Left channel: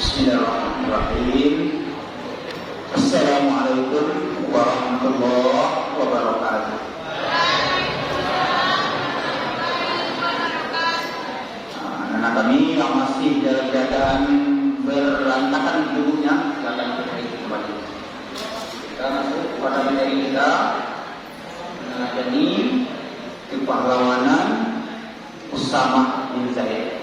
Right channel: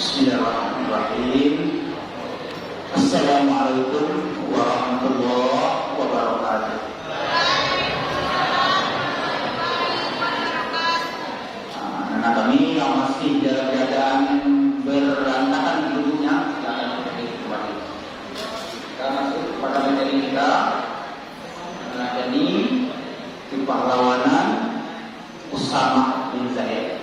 Bismillahirrahmanirrahim. Assalamualaikum warahmatullahi wabarakatuh. Anak kami yang masih dalam keadaan berantakan hidupnya, silakan berdiri kembali. Kita masuk kepada materi kita yang ada di kepahlawanan Usama bin Zaid.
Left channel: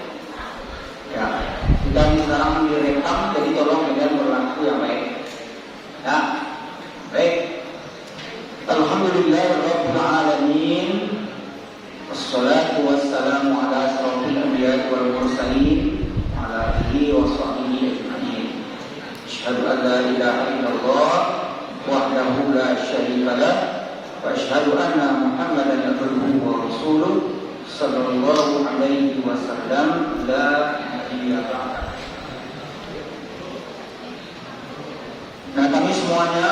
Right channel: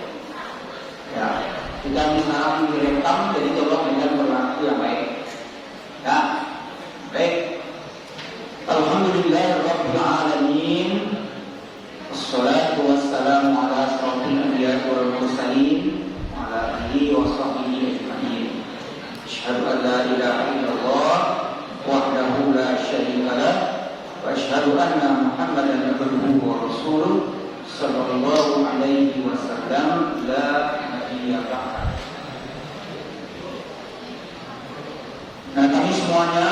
Ya, kita sekarang direkam, jadi tolong dengan berlaku yang baik. Ya, baik. Alhamdulillahirabbil alamin. Wassalatu wassalamu ala asyrofil anbiya'i wal mursalin wa ala alihi wa sahbihi ajma'in. Asyhadu an la ilaha illallah wahdahu la syarika lah wa asyhadu anna Muhammadan abduhu wa rasuluh sallallahu alaihi wasallam. La nabiyya ba'da. Nah, kami semuanya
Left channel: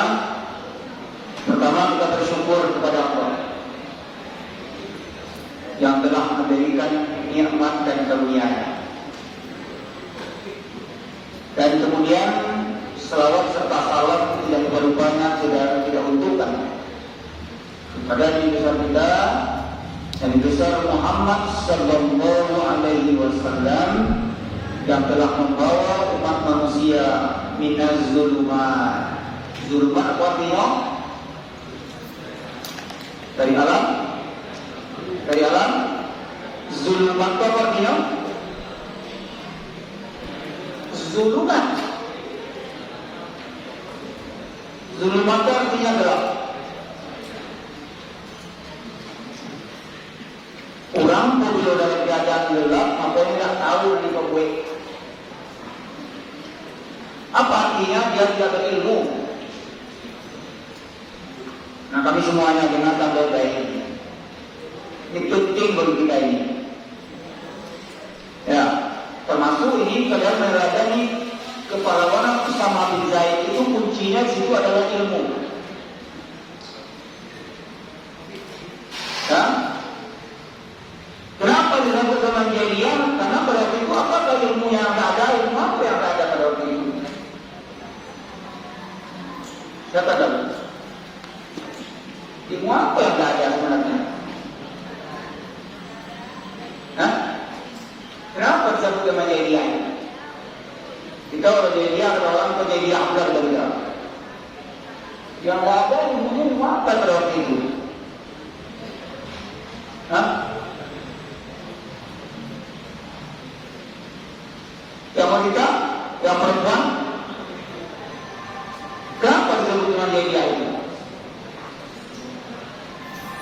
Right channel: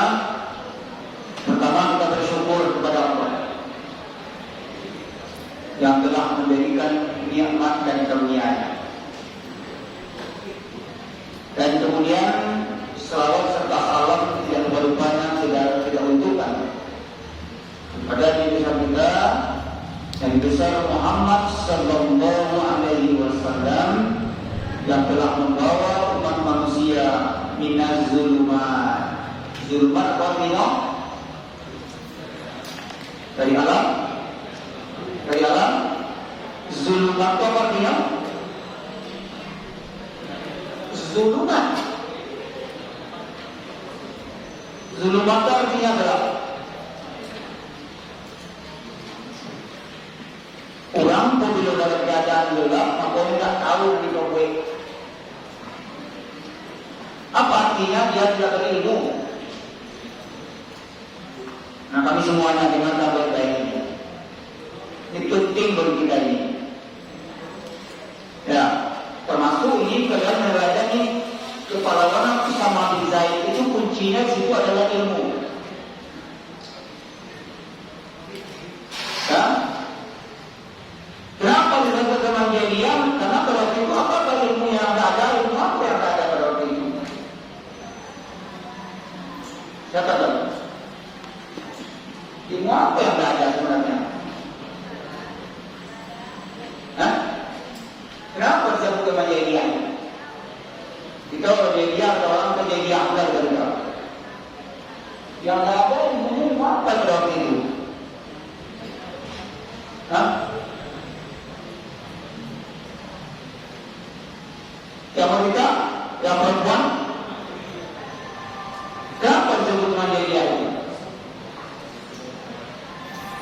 pertama kita bersyukur kepada Allah yang telah memberikan nikmat dan karunia-Nya. Dan kemudian selawat serta salawat yang berubahnya tidak untukkan kepada Nabi kita Nabi besar Muhammad sallallahu alaihi wasallam yang telah membawa umat manusia minaz zulumat. Zulumat artinya dari alam. Zulumat artinya zulumat. Zulumat artinya adalah orang pun juga dalam keadaan gelap, maka tidak tahu di pembuat. Apa artinya dia tidak berilmu? Nah, kami semuanya dengan kabar baik ini. Ini penting bagi kita ini. Ya, termasuk ini kalian meradani kepahlawanan Usama bin Zaid itu kuncinya situ adalah ilmu. Ya. Kenapa disebut dengan jahiliyah? Karena pada waktu itu apakah ilmu yang ada, ilmu apa yang ada pada waktu itu? Siapa tahu? Ilmu apa yang ada sebenarnya? Hah? Kenapa disebut dengan jahiliyah? Jika jahiliyah ada orang jahiliyah akbar berbeda. Yang ada ilmunya apa pada waktu itu? Hah? Yang wanita, yang perempuan, kenapa disebut dengan jahiliyah ini?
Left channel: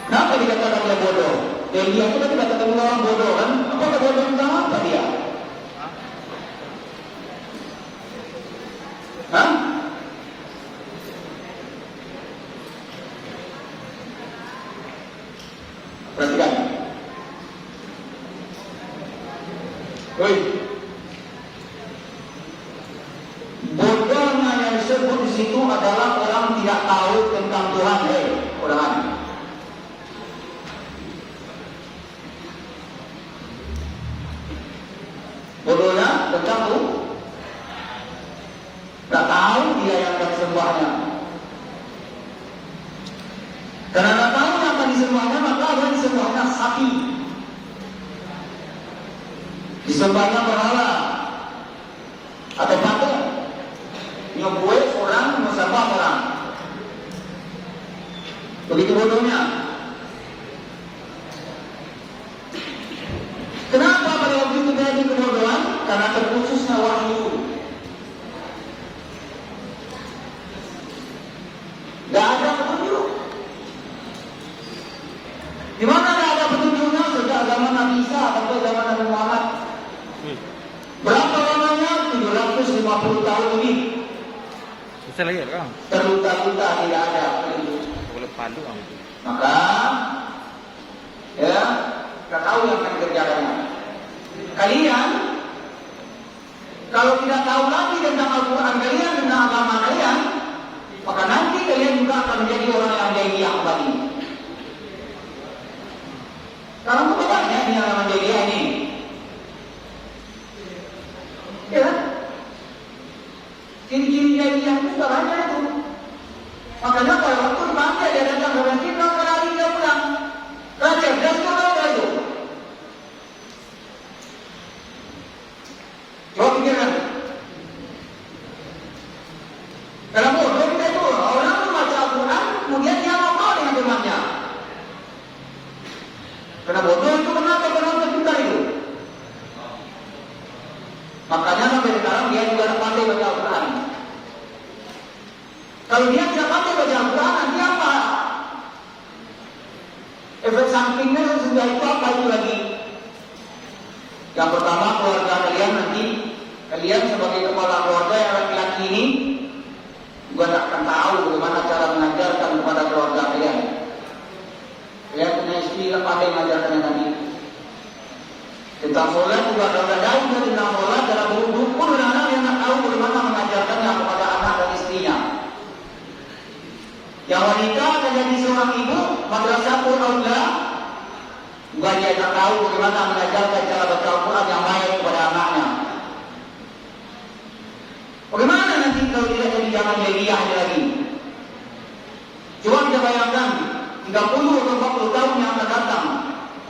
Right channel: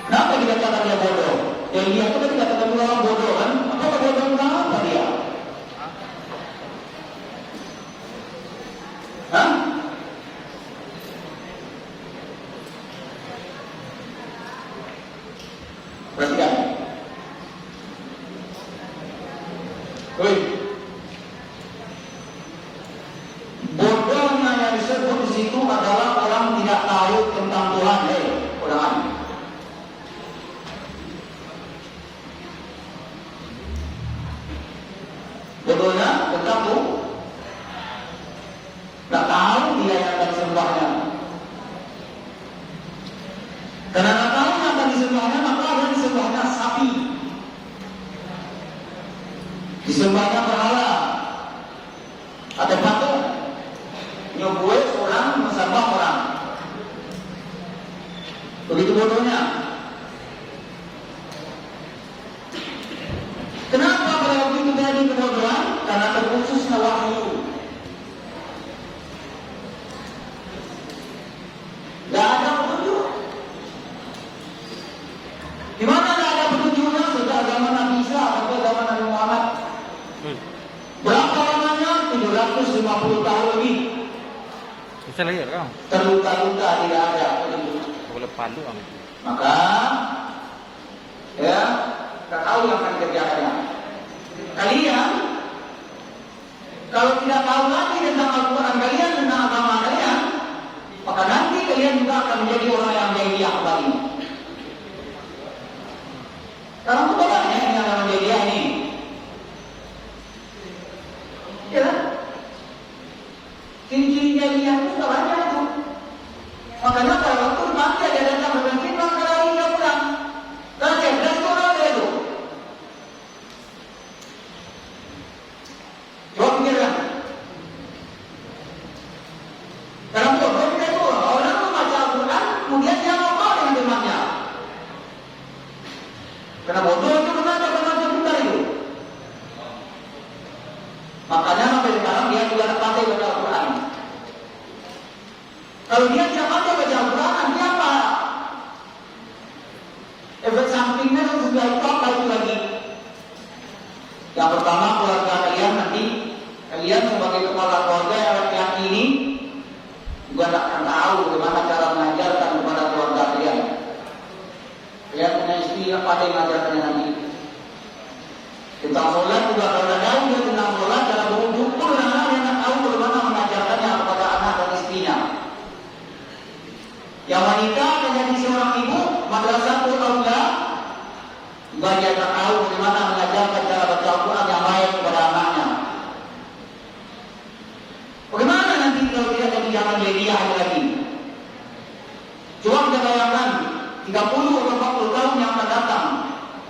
Kenapa dikatakan dia bodoh? Jahiliyah itu dikatakan orang bodoh kan? Apa bodoh tentang apa dia? Hah? Perhatikan. Woi. Bodohnya yang disebut di situ adalah orang tidak tahu tentang Tuhan. Orang. Bodohnya tentang Tuhan. Tak tahu dia yang akan disembahnya. Karena tak tahu yang akan disembahnya, maka ada disembahkan sapi. Disembahnya berhala atau patung. Nyobuat orang mesembah orang. Begitu bodohnya. Kenapa pada waktu itu terjadi kebodohan? Karena terputusnya wahyu. Tidak ada petunjuk. Di mana ada petunjuknya sejak zaman Nabi Isa sampai zaman Nabi Muhammad? Berapa lamanya? 750 tahun lebih. Bisa lagi kan? Terluka-luka tidak ada. Boleh padu kan? Maka, ya, kita tahu yang akan kerjakannya. Kalian, kalau tidak tahu lagi tentang Al-Quran kalian, tentang agama kalian, maka nanti kalian juga akan menjadi orang yang jahiliyah kembali. Karena itu banyak yang jahiliyah ini. Ya, Ciri-ciri jahiliyah itu caranya itu. Makanya pada waktu nanti dia datang ke bensin, nanti lari dia pulang. Dan cerdas itu apa itu? Coba pikirkan. Dalam bodoh kita itu, orang itu baca Al-Quran, kemudian dia ngomong dengan temannya. Karena bodoh itu benar terbuka itu. Makanya sampai sekarang dia juga pandai baca Al-Quran. Kalau dia tidak pandai baca Al-Quran, nanti apa? Efek sampingnya sesudah itu apa itu lagi? Yang pertama, keluarga kalian nanti, kalian sebagai kepala keluarga yang laki-laki ini juga tidak akan tahu bagaimana cara mengajarkan kepada keluarga kalian. Kalian punya istri yang pandai mengajarkannya nanti. Tentang sholat juga kalau tahu tentang sholat, cara berwudu pun anak yang tak tahu bagaimana mengajarkannya kepada anak dan istrinya. Yang wanita akan jadi seorang ibu, madrasah Al-Aula, juga dia tak tahu bagaimana mengajarkan cara baca Al-Quran yang baik kepada anaknya. Bagaimana nanti kalau dia akan di zaman jahiliyah lagi? Coba kita bayangkan 30 atau 40 tahun yang akan datang.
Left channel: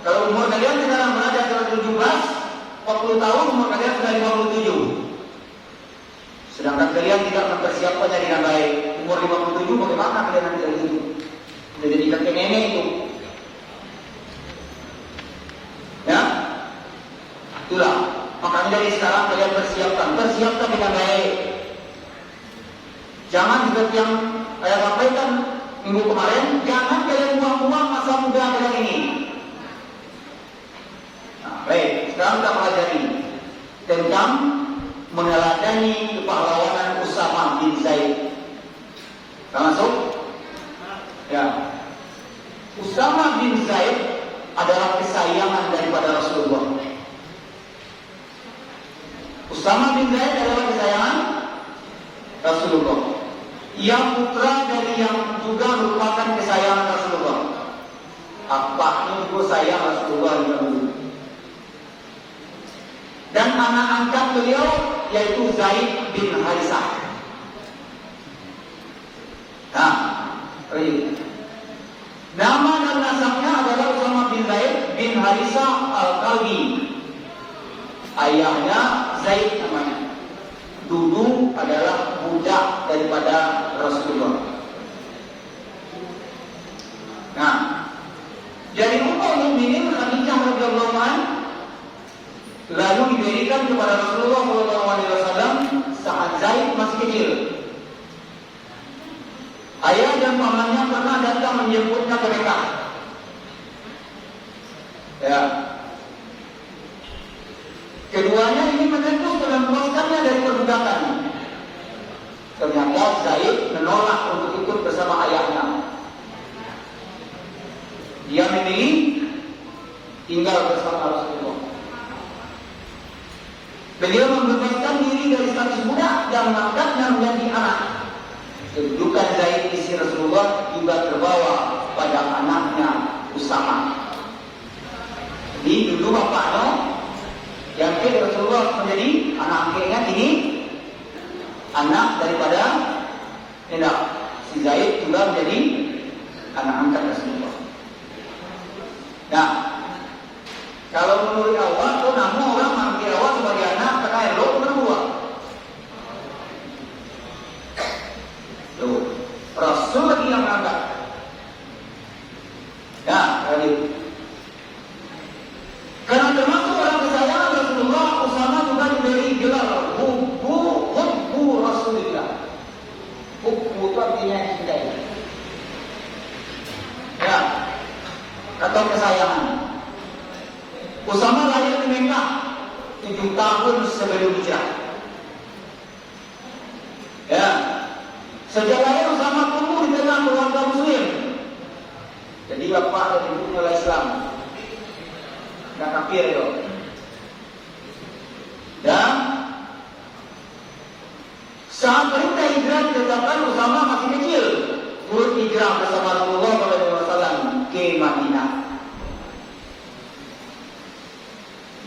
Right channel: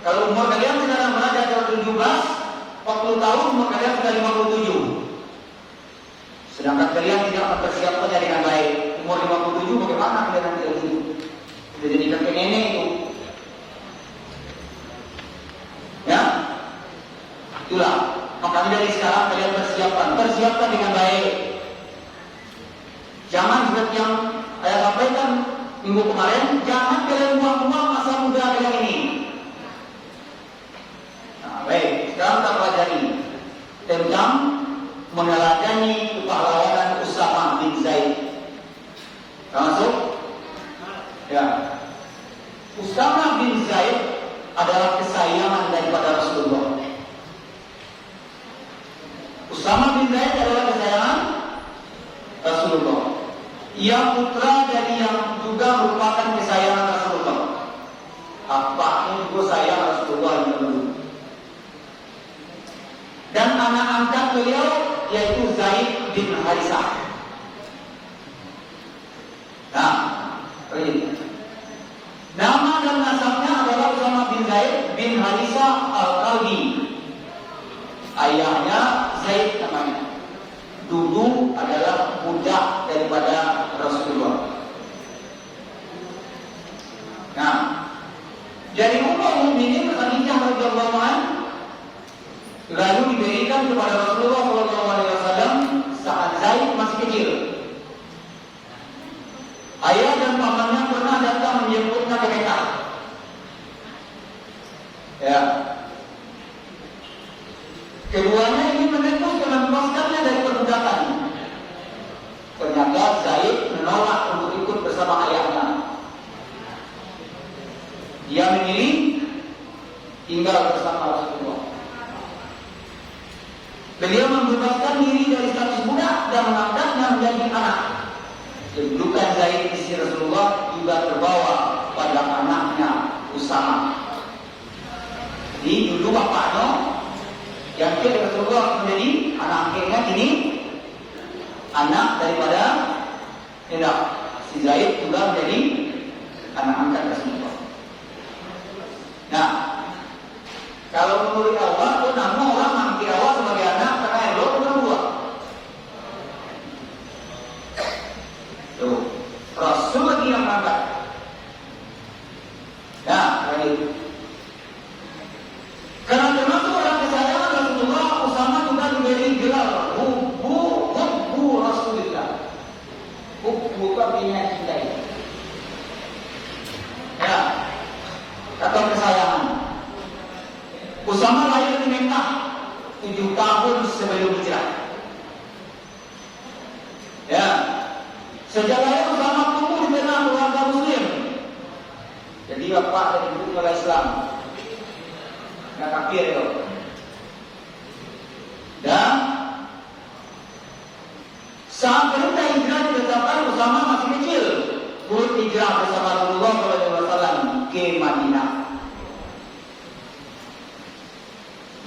Kalau umur kalian sekarang berada dalam 17, 40 tahun umur kalian sudah 57. Sedangkan kalian tidak mempersiapkannya dengan baik. Umur 57 bagaimana kalian nanti itu? Sudah jadi kakek nenek itu. Ya? Itulah. Makanya dari sekarang kalian persiapkan dengan baik. Jangan seperti yang saya sampaikan minggu kemarin, jangan kalian buang-buang masa muda kalian ini. Baik, sekarang kita pelajari tentang meneladani kepahlawanan Usama bin Zaid. Langsung, ya, Usama bin Zaid adalah kesayangan daripada Rasulullah. Usama bin Zaid adalah kesayangan Rasulullah. Yang putra dari yang juga merupakan kesayangan Rasulullah. Apa itu sayang Rasulullah dulu? Dan anak angkat beliau yaitu Zaid bin Harisah. Nah, ini nama dan nasabnya adalah Usama bin Zaid bin Harisah Al-Qalbi. Ayahnya Zaid namanya. Dulu adalah budak daripada Rasulullah. Nah, jadi Ummul Mukminin Khadijah radhiyallahu anha lalu diberikan kepada Rasulullah SAW saat Zaid masih kecil. Ayah dan pamannya pernah datang menjemputnya ke Mekah. Ya. Keduanya ingin menembus dan melepaskannya dari perbudakan. Ternyata Zaid menolak untuk ikut bersama ayahnya. Dia memilih tinggal bersama Rasulullah. Beliau membebaskan diri dari status budak dan mengangkatnya menjadi anak. Kedudukan Zaid di sisi Rasulullah juga terbawa pada anaknya Usama. Jadi dulu bapaknya yang kira Rasulullah menjadi anak akhirnya ini anak daripada si Zaid juga menjadi anak angkat Rasulullah. Nah, kalau menurut awal itu nama orang menganggap awal sebagai anak karena elok berdua. Tuh, Rasul lagi yang angkat. Nah, tadi. Karena termasuk orang kesayangan Rasulullah, Usama juga diberi gelar Hubbu Rasulullah. Hubbu itu artinya cintai. Ya, atau kesayangan. Usama lahir di Mekah 7 tahun sebelum hijrah. Ya, sejak lahir Usama tumbuh di tengah keluarga Muslim. Jadi bapak dari ibu Islam. Tidak kafir itu. Dan saat perintah hijrah ditetapkan Usama masih kecil. Turut hijrah bersama Rasulullah SAW ke Madinah.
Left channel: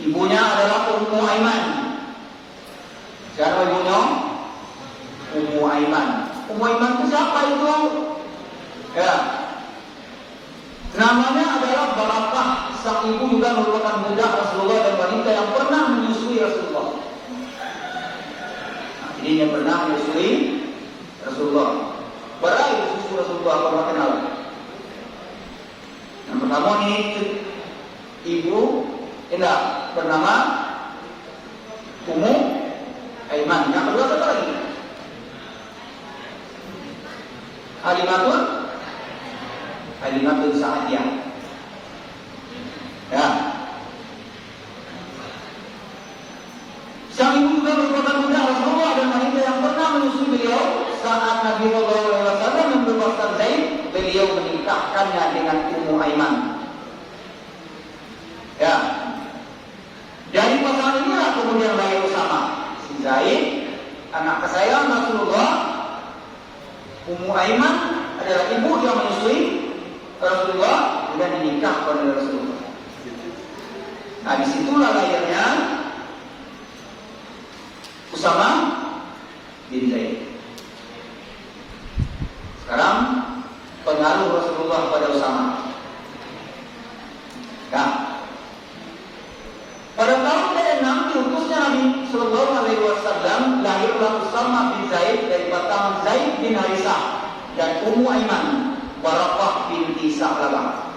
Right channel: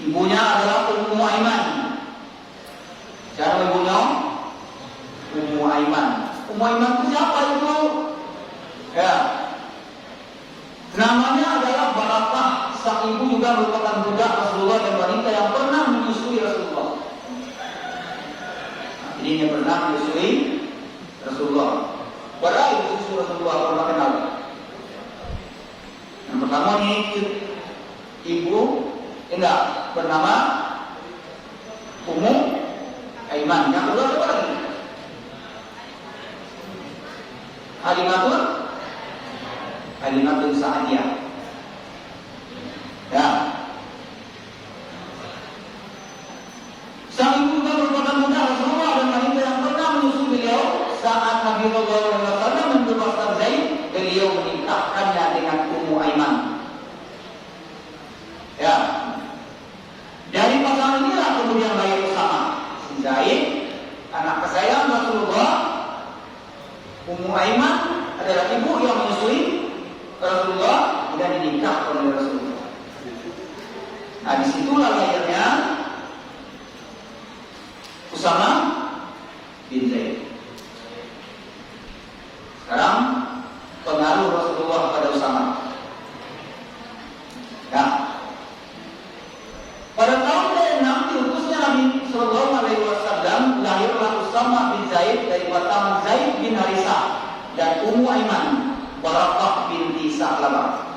Ibunya adalah Ummu Aiman. Dan ibunya Aiman. Ummu Aiman itu siapa itu? Ya, namanya adalah Barakah. Sang ibu juga merupakan budak Rasulullah dan wanita yang pernah menyusui Rasulullah. Jadi dia pernah menyusui Rasulullah. Berai menyusui Rasulullah, pernah kenal. Yang pertama ini ibu bernama Ummu Aiman. Yang kedua apa lagi? Halimatul Sa'diyah. Ya. Sang ibu juga merupakan budak Rasulullah dan wanita yang pernah menyusui beliau saat Nabi Sallallahu Alaihi Wasallam membebaskan Zaid, beliau menikahkannya dengan Ummu Aiman. Ya. Dari pasangan inilah kemudian lahir Usama. Si Zaid, anak kesayangan Rasulullah. Ummu Aiman adalah ibu yang menyusui Rasulullah dan dinikahkan oleh Rasulullah. Nah, disitulah lahirnya Usama bin Zaid. Sekarang pengaruh Rasulullah pada Usama. Nah, pada tahun ke-6 diutusnya Nabi Sallallahu Alaihi Wasallam, lahirlah Usama bin Zaid dari pasangan Zaid bin Harithah dan Ummu Aiman, Barakah binti Sa'labah.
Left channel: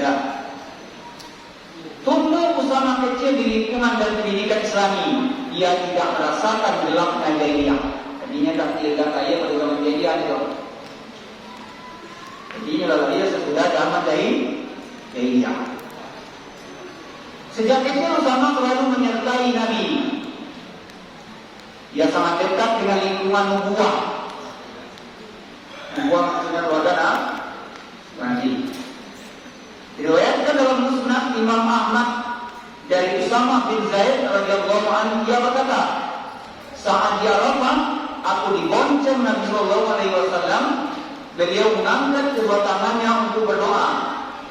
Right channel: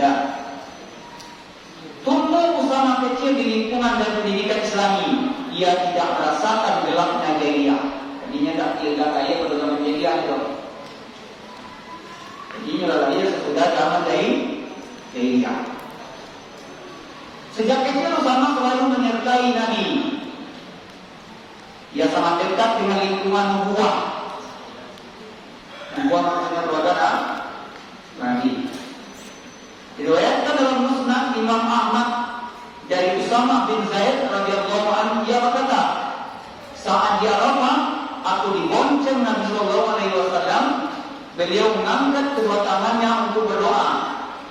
Ya. Tumbuh Usama kecil di lingkungan dan pendidikan Islami. Ia tidak merasakan gelapnya jahiliyah. Tadinya tidak kaya pada zaman jahiliyah itu. Jadi inilah dia sesudah zaman dari jahiliyah. Sejak kecil Usama selalu menyertai Nabi. Ia sangat dekat dengan lingkungan nubuwah. Nubuwah maksudnya keluarga Nabi. Diriwayatkan dalam Musnad Imam Ahmad dari Usama bin Zaid radhiyallahu anhu, dia berkata, saat di Arafah aku dibonceng Nabi Sallallahu Alaihi Wasallam, beliau mengangkat kedua tangannya untuk berdoa,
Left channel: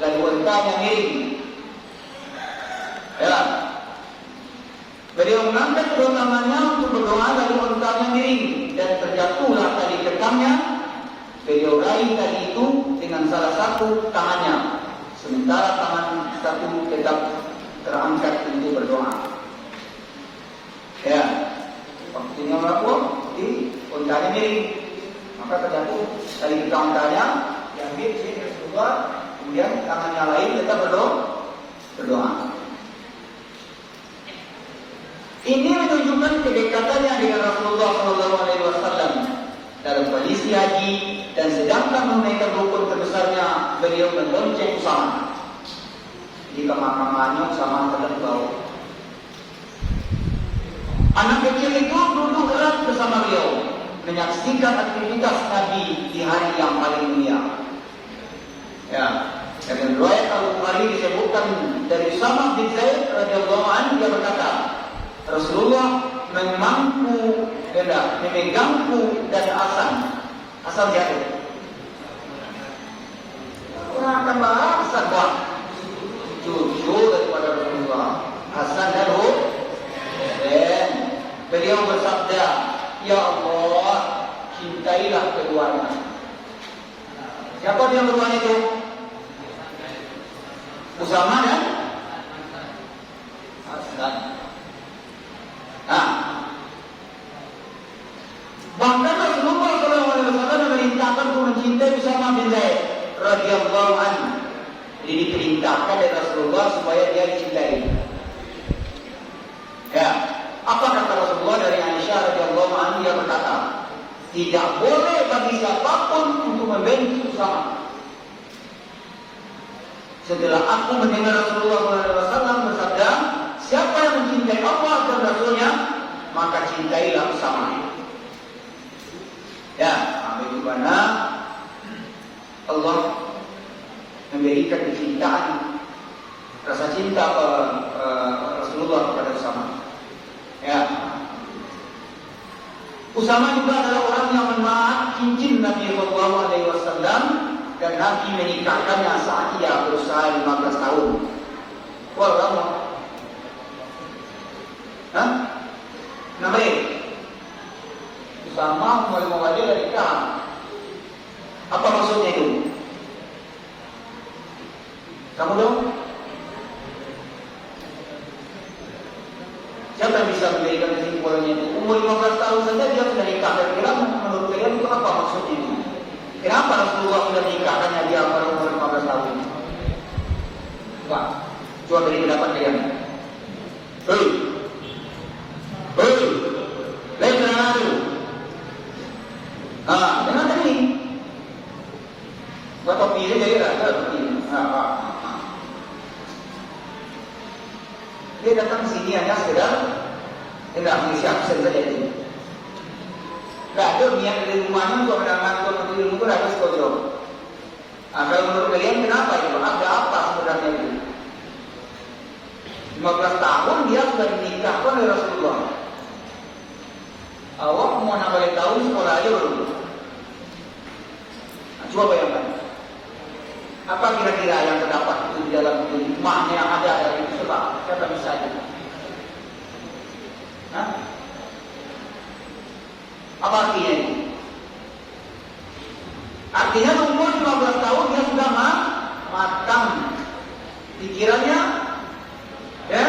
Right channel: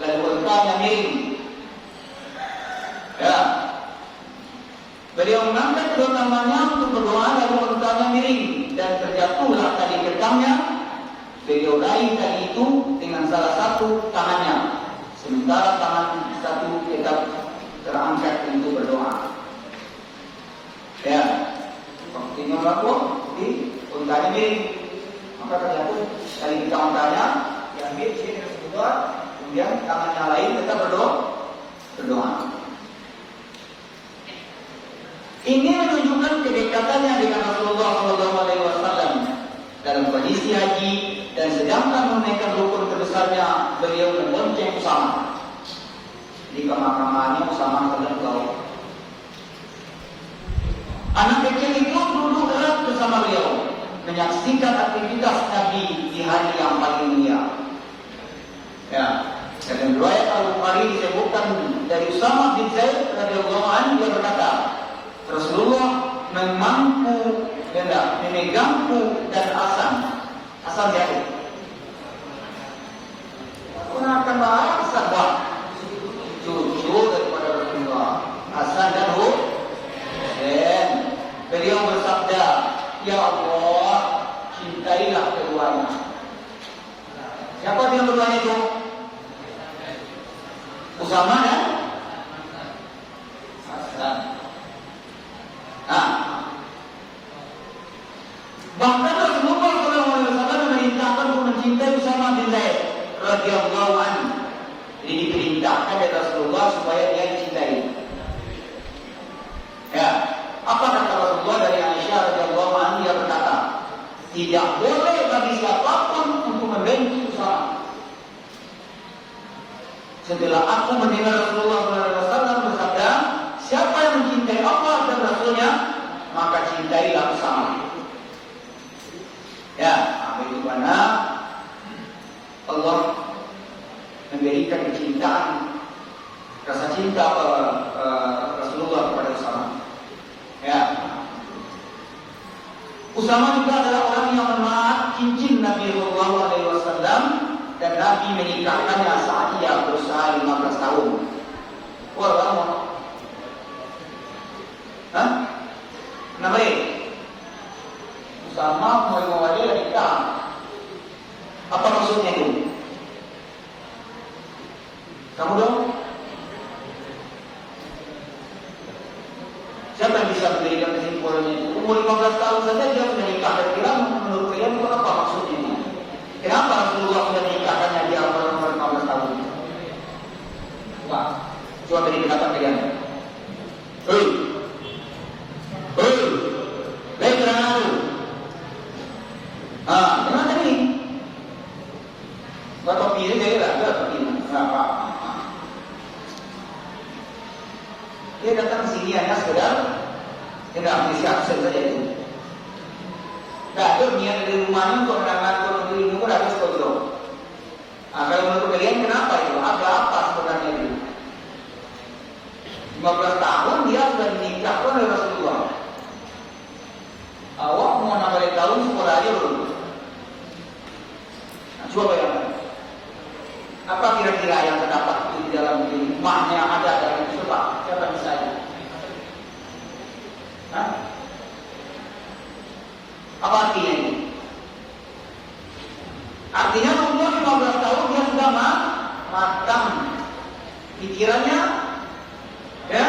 lalu untanya miring. Ya, beliau mengangkat kedua tangannya untuk berdoa, lalu untanya miring, dan terjatuhlah tali getahnya. Beliau raih tadi itu dengan salah satu tangannya. Sementara tangan satu tetap terangkat untuk berdoa. Ya, waktunya berlaku di untanya miring, maka terjatuh tali getah untanya, diambil dia keluar, kemudian tangannya lain tetap berdoa. Ini menunjukkan kedekatannya dengan Rasulullah SAW dalam kondisi haji, dan sedangkan menunaikan rukun terbesarnya beliau membonceng Usama. Di kamar-kamarnya Usama terdengar. Anak kecil itu duduk erat bersama beliau, menyaksikan aktivitas Nabi di hari yang paling mulia. Ya, dalam riwayat Al-Bukhari disebutkan dari Usama bin Zaid radhiyallahu anhu, dia berkata, Rasulullah memegangku dan asal jatuh. Orang akan bahas sabah jujur daripada Rasulullah. Hasan dan Husain. Beliau bersabda, Ya Allah, cintailah keduanya. Siapa yang bertanya itu? Usama dan Hasan. Nah, bahkan Rasulullah SAW memerintahkan untuk mencintai Usama bin Zaid radhiyallahu anhu. Jadi diperintahkan oleh Rasulullah supaya dia dicintai. Ya, apa kata Rasulullah dari Aisyah radhiyallahu anha? Dia berkata, tidak boleh bagi siapapun untuk membenci Usama. Setelah aku mendengar Rasulullah SAW bersabda, siapa yang mencintai Allah dan Rasulnya, maka cintailah Usama. Ya, bagaimana Allah memberikan kecintaan, rasa cinta Rasulullah kepada Usama. Ya, Usama juga adalah orang yang menaat cincin Nabi Sallallahu Alaihi Wasallam, dan Nabi menikahkannya saat ia berusia 15 tahun. Wah, lama. Hah? Kenapa ya? Usama menerima wajah dan nikah. Apa maksudnya itu? Kamu dong? Siapa yang bisa menjadikan kesimpulannya itu? Umur 15 tahun saja dia sudah nikah. Kira-kira menurut kalian itu apa maksudnya? Kenapa Rasulullah sudah menikahkannya dia pada umur 15 tahun? Coba beri pendapat kalian. Lain dengan itu. Dengan tadi. Topi ini dia ada topi. Dia datang sini hanya sekedar tidak siap saja itu. Tidak ada niat dari rumahnya untuk mendapatkan ilmu itu habis kodok. Kalau menurut kalian kenapa itu? Ada apa sebenarnya itu? 15 tahun dia sudah dinikahkan oleh Rasulullah. Awak mau nambah tahun sekolah aja dulu. Coba bayangkan. Apa kira-kira yang terdapat itu di dalam makna yang ada dalam itu? Siapa misalnya? Apa artinya ini? Artinya umur 15 tahun dia sudah matang pikirannya, ya,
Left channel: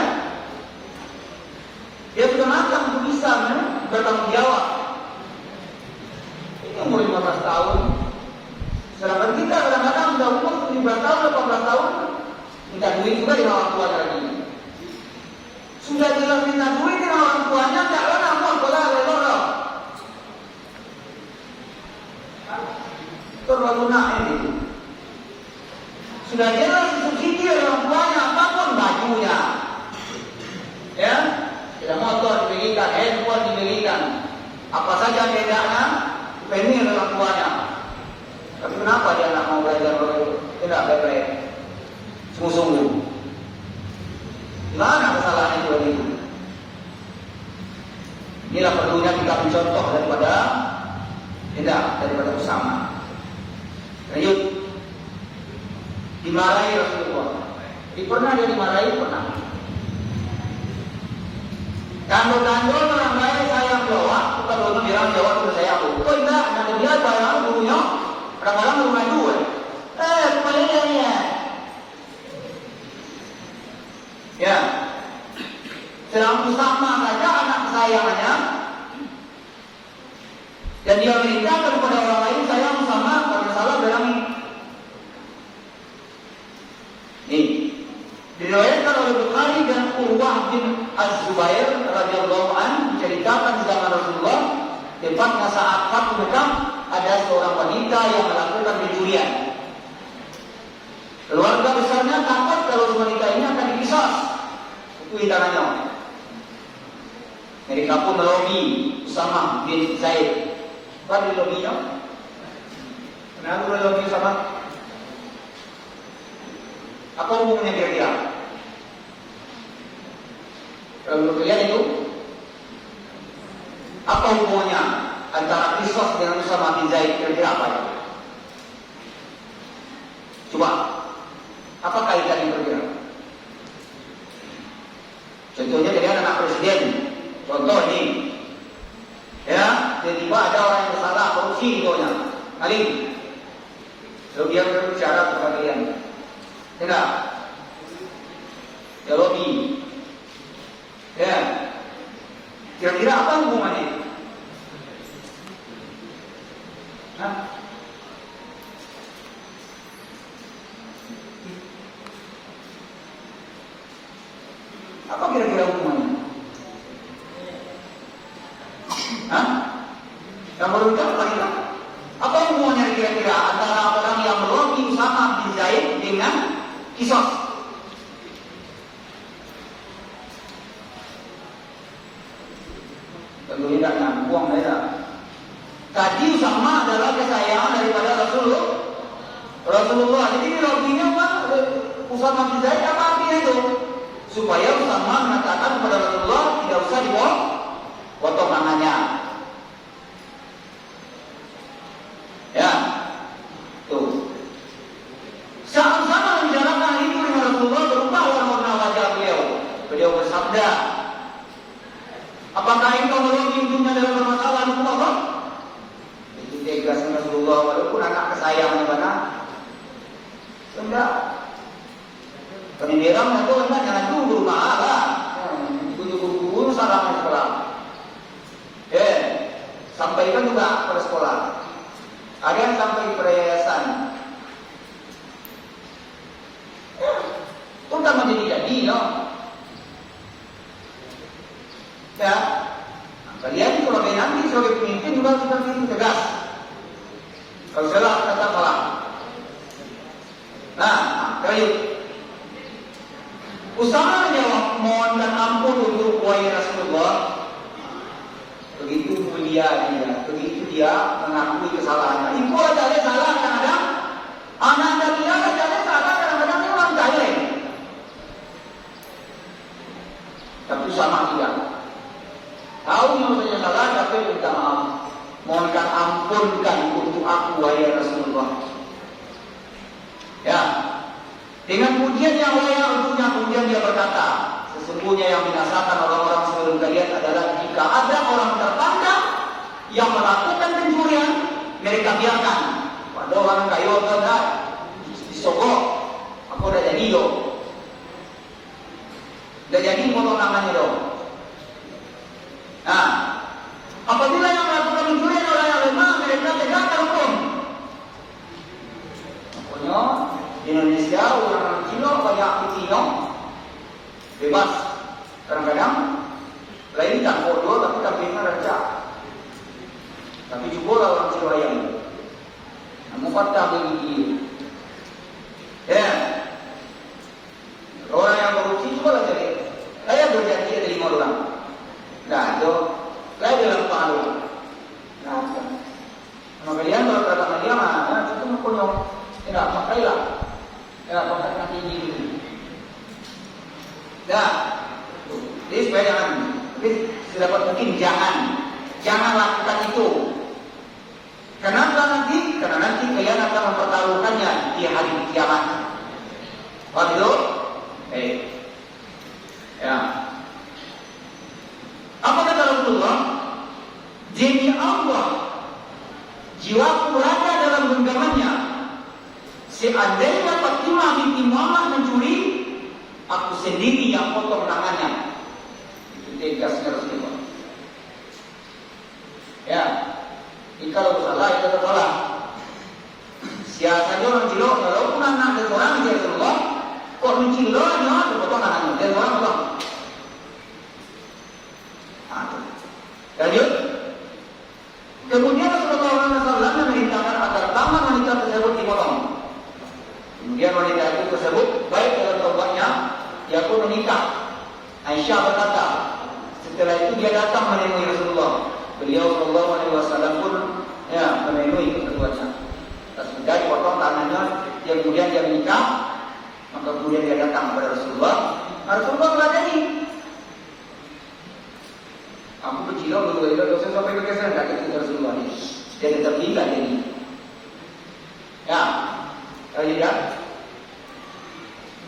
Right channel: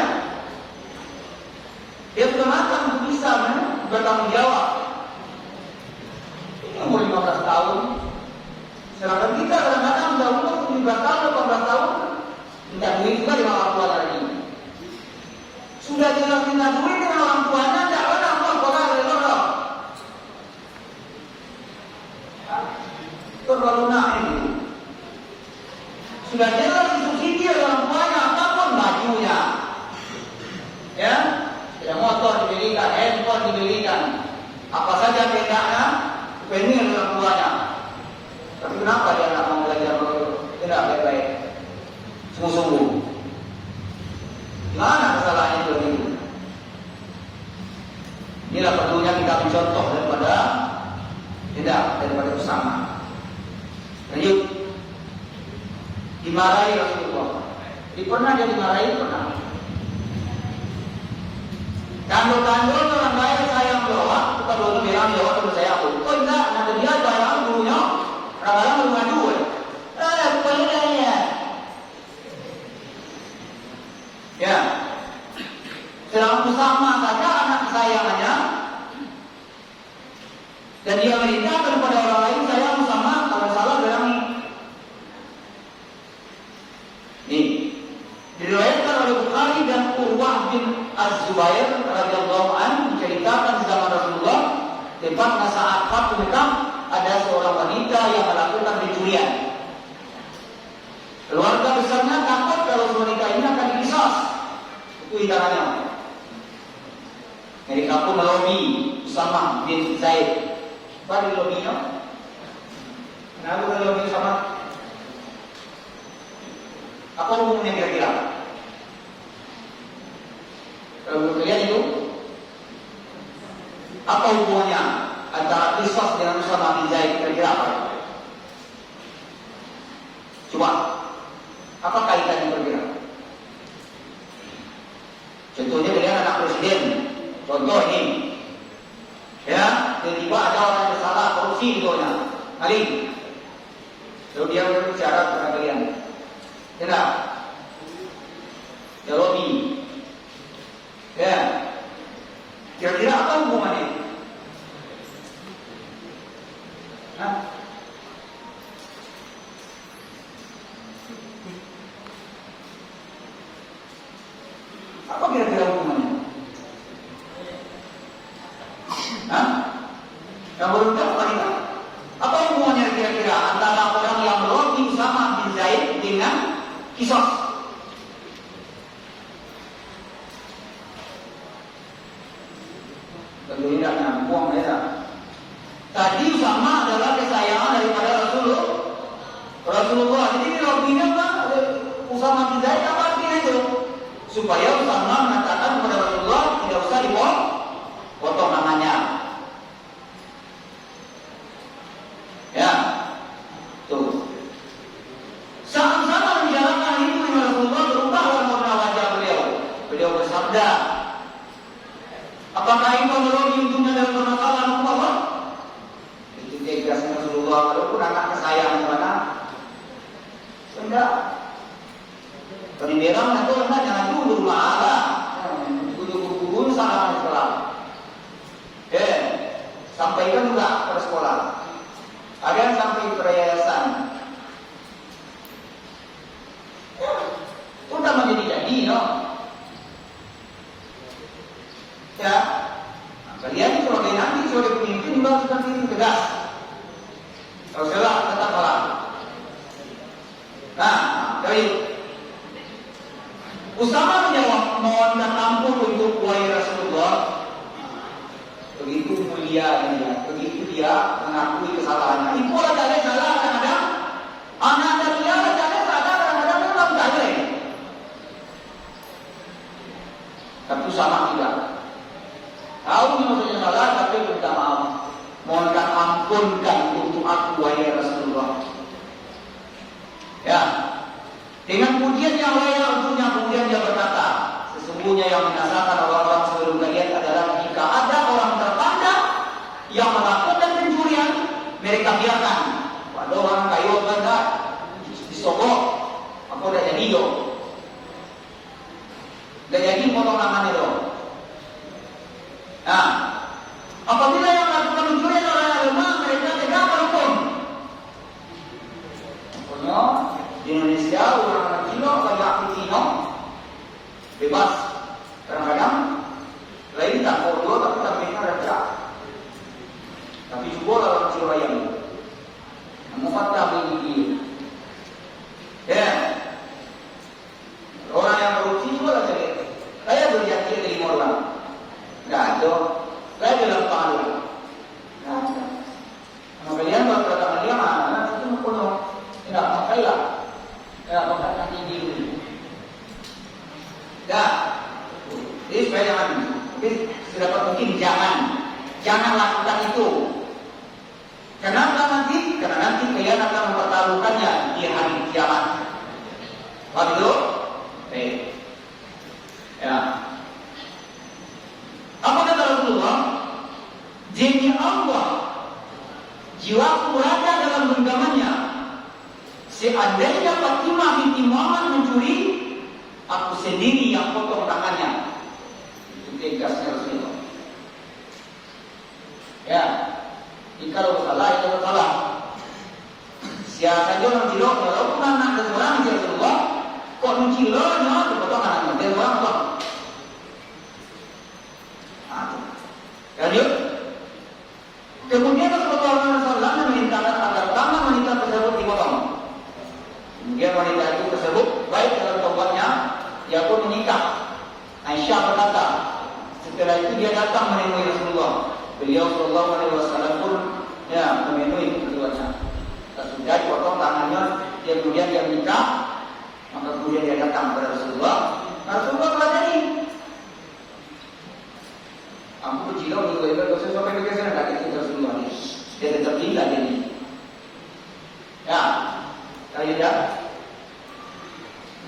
dia sudah matang untuk bisa bertanggung jawab. Ini umur 15 tahun. Sedangkan kita kadang-kadang sudah umur 17 tahun, 18 tahun, minta duit juga dengan orang tua lagi. Sudah jelas minta duit dengan orang tuanya, tidak pernah mau sekolah lelok. Perbalunan ini. Sudah jelas subsidi orang tuanya, apapun bajunya, ya, tidak motor dibelikan, handphone dibelikan, apa saja bedanya, ini orang tuanya. Tapi kenapa dia tidak mau belajar tidak baik-baik, sungguh-sungguh? Gimana kesalahan itu ini? Inilah perlunya kita mencontoh daripada bersama. Lanjut. Dimarahi Rasulullah. Pernah dia dimarahi? Pernah. Kandung-kandung orang lain sayang jawab, kita belum bilang jawab itu saya aku. Oh enggak, ada dia sayang dulunya. Orang-orang belum maju. Kepalanya. Ya. Sedang sama saja anak kesayangannya. Dan dia menikah kepada orang lain sayang sama karena salah bilang ini. Diriwayatkan oleh Bukhari dan Urwah bin Az-Zubair radhiyallahu anhu menceritakan zaman Rasulullah tentang saat Khamukam ada seorang wanita yang melakukan pencurian. Keluarga besarnya takut kalau wanita ini akan dikisos. Itu hidangannya. Mereka pun melobi Usama bin Zaid. Baru lobinya. Kenapa melobi Usama? Apa hubungannya kira-kira? Kalau menurut kalian itu, apa hubungannya antara kisos dengan Usama bin Zaid? Kira-kira apa? Coba, apa kaitannya kira-kira? Contohnya dengan anak presiden. Contoh ini, ya, tiba-tiba ada orang yang bersalah korupsi gitu, maling. Lalu dia berbicara kepada kalian. Tidak. Lobby. Ya. Kira-kira apa hubungannya? Apa kira-kira hubungannya? Yang beruntung apa tidak? Apa hubungannya kira-kira antara orang yang melobi Usama bin Zaid dengan kisos? Tentu tidak buang saja. Tadi Usama adalah kesayangan daripada Rasulullah. Jadi ini lobinya kan Usama bin Zaid apa artinya itu? Supaya Usama mengatakan kepada Rasulullah tidak usah dipotong namanya. Ya, tuh. Sama-sama menjalankan itu Rasulullah berubah warna wajah beliau. Beliau bersabda, apakah ini kalau ujungnya dalam permasalahan hukum Allah? dikasih Rasulullah, walaupun anak kesayangan mana, enggak. Pendidikan itu enggak jangan tunggu lah, tunggu sarana sekolah. Sampaikan juga ke sekolah. Ada yang sampai ke yayasan. Itu udah menjadi jadi, no? Ya, kalian sebagai nanti sebagai pemimpin udah sudah ini tegas. Kalau salah tetap salah. Nah, baik. Usama menjawab, mohon ampun untuk wahai Rasulullah. Begitu mulia dia, begitu dia mengakui kesalahan. Ibu ada salah kadang-kadang, anak dia ada salah kadang-kadang memang jahil. Tapi sama tidak. Tahu maksudnya salah, tapi minta maaf. Mohonkan ampunkan untuk aku wahai Rasulullah. Ya. Dengan pujian yang layak untuknya, kemudian dia berkata, sesungguhnya yang binasakan orang-orang sebelum kalian adalah jika ada orang tertanda yang melakukan pencurian, mereka biarkan. Pada orang kayu benda disogok, aku udah jadi lo. Udah jadi motor namanya lo. Nah, apabila yang melakukan pencurian adalah lemah, mereka tegakkan hukum. Pokoknya di Indonesia orang Cina banyak Cina bebas. Kadang-kadang lain tak bodoh tapi tak mereka raja. Tapi juga orang Cina yang mengatakan begitu. Orang yang korupsi juga lah jadi. Saya berjanji terima orang. Enggak ada. Saya bilang tahu. Enggak ada. Kemudian kalau katakan dia mana itu mengkono. Tidak pakai lah. Tidak pakai nanti diri. Dah. Jadi supaya jangan. Mungkin jangan lakukan itu. Kenapa nanti? Karena nanti kalian akan mempertaruhkannya di hari kiamat. Waduh. Ya. Apa kata Rasulullah? Demi Allah, jiwaku berada dalam genggamannya. Seandainya Fatimah binti Muhammad mencuri, aku sendiri yang potong tangannya. Itu tegasnya Rasulullah. Ya, kalau salah itu salah. Siapa orang cilok, walaupun anak dari orang Rasulullah, kok cilok, jangan dipotong tangannya dari orang tua. Lanjut. Kemudian Rasulullah SAW memerintahkan agar tangan wanita tersebut dipotong. Kemudian wanita itu tersebut baik dalam tobatnya, ia pun menikah. Aisyah berkata, setelah itu dia datang menemui Rasulullah. Beliau Sallallahu Alaihi Wasallam pun ya memenuhi kebutuhannya. Sudah dipotong tangannya, kemudian dia menikah, maka kemudian dia datang kepada Rasulullah. Rasulullah berkata ini. Aku berjilau betul-betul sampai ke sana dari itu Rasulullah. Dia tertinggal ini. Ya, kaidah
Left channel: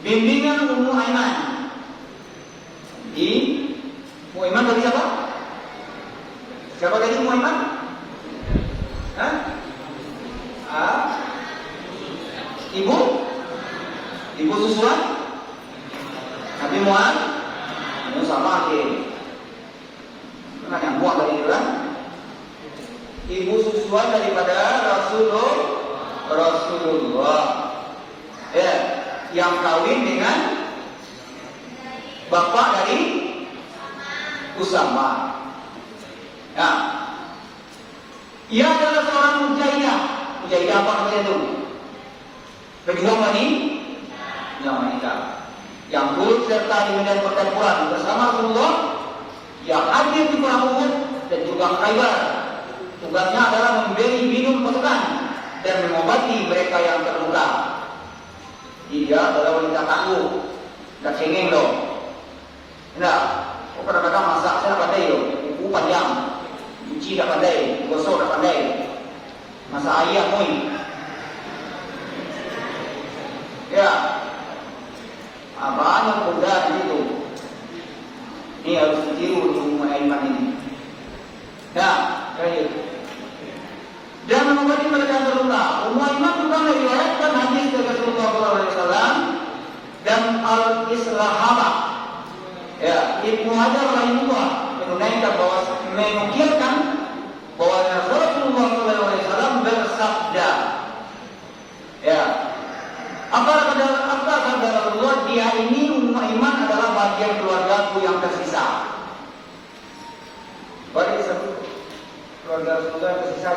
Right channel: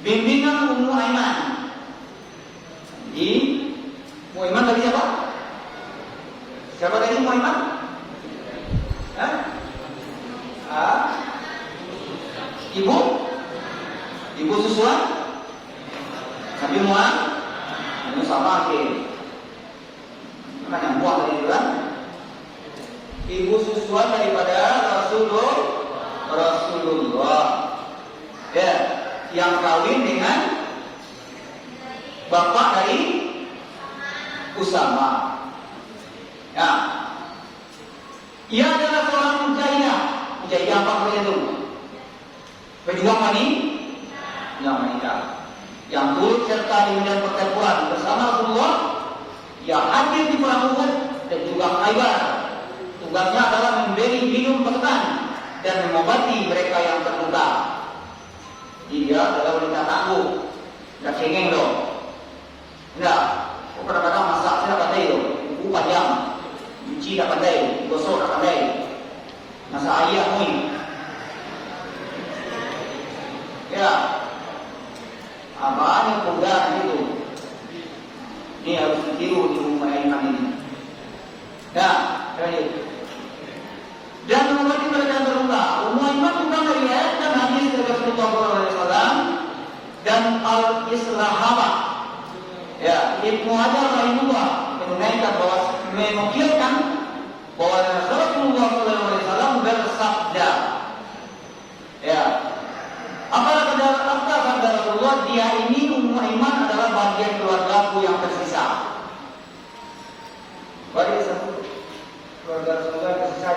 bimbingan Ummu Aiman. Di Ummu Aiman tadi siapa? Siapa tadi Ummu Aiman? Ibu susulan? Nabi Muhammad? Ini sama ke. Mana yang buah dari itu kan? Ibu susuan daripada Rasulullah. Ya, yang kawin dengan bapak dari Usama. Ya. Ia adalah seorang mujahidah. Mujahidah apa itu? Pejuang wanita. Yang turut serta di medan pertempuran bersama Rasulullah. Yang hadir di perang Uhud dan juga Khaybar. Tugasnya adalah memberi minum pasukan dan mengobati mereka yang terluka. Dia adalah wanita tangguh, tidak cengeng loh. Enggak, kadang-kadang masak saya pandai loh, ibu panjang, cuci tak pandai, gosok tak pandai, masak ayam pun. Ya, apaan yang mudah itu? Ini harus ditiru di rumah Aiman ini. Nah, dan menurut al-Israhaba. Ya, Ibnu Hajar rahimahullah menunaikan bahwa menukilkan bahwa Rasulullah SAW bersabda, ya, apa kata Rasulullah, dia ini iman adalah bagian keluargaku yang tersisa. Bagian keluarga Rasulullah tersisa.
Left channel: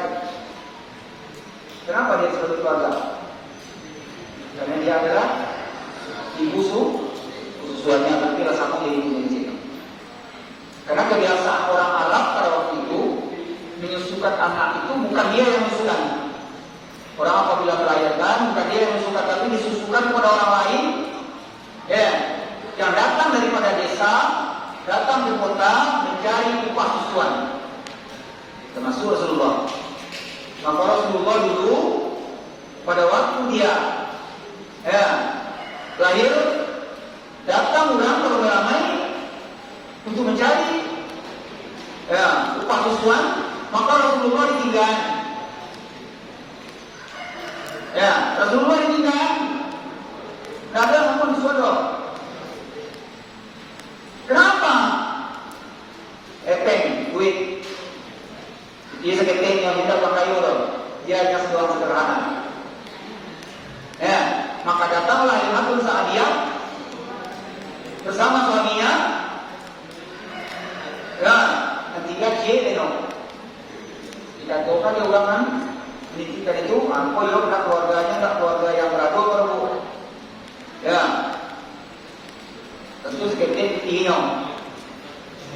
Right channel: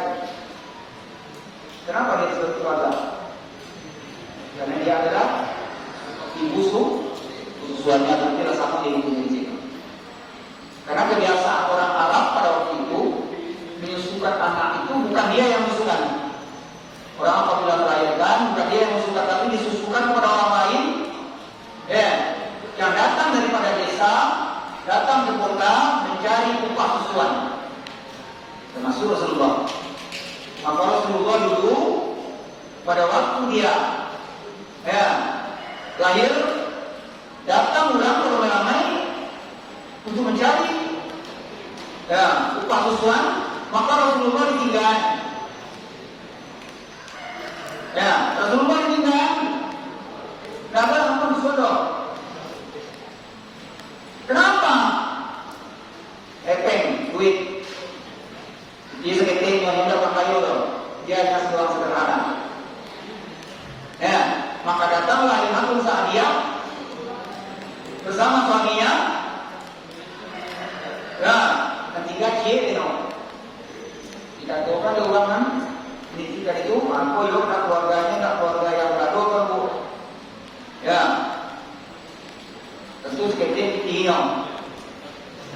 Kenapa dia disebut keluarga? Karena dia adalah ibu suaminya berarti sama ibu sendiri. Karena kebiasaan orang Arab pada waktu itu menyusukan anak itu bukan dia yang menyusukan. Orang apabila melahirkan bukan dia yang menyusukan, tapi disusukan kepada orang lain, ya, yang datang daripada desa, datang ke kota mencari upah susuan. Termasuk Rasulullah. Maka Rasulullah dulu pada waktu dia, ya, lahir, datang ulang beramai-ramai untuk mencari, ya, upah susuan, maka Rasulullah ditinggal. Ya, Rasulullah ditinggal. Tidak ada yang susuan. Kenapa? Epeng, duit. Dia sebetulnya yang tidak pakai loh. Dia hanya seorang sederhana. Ya, maka datanglah Imam Sa'diyah bersama suaminya. Ya, ketiga cie deno. Kita coba dia ulangan. Ini kita itu, aku yuk nak keluarganya, nak keluarga yang berapa kamu. Ya, tentu sekecil tinggal.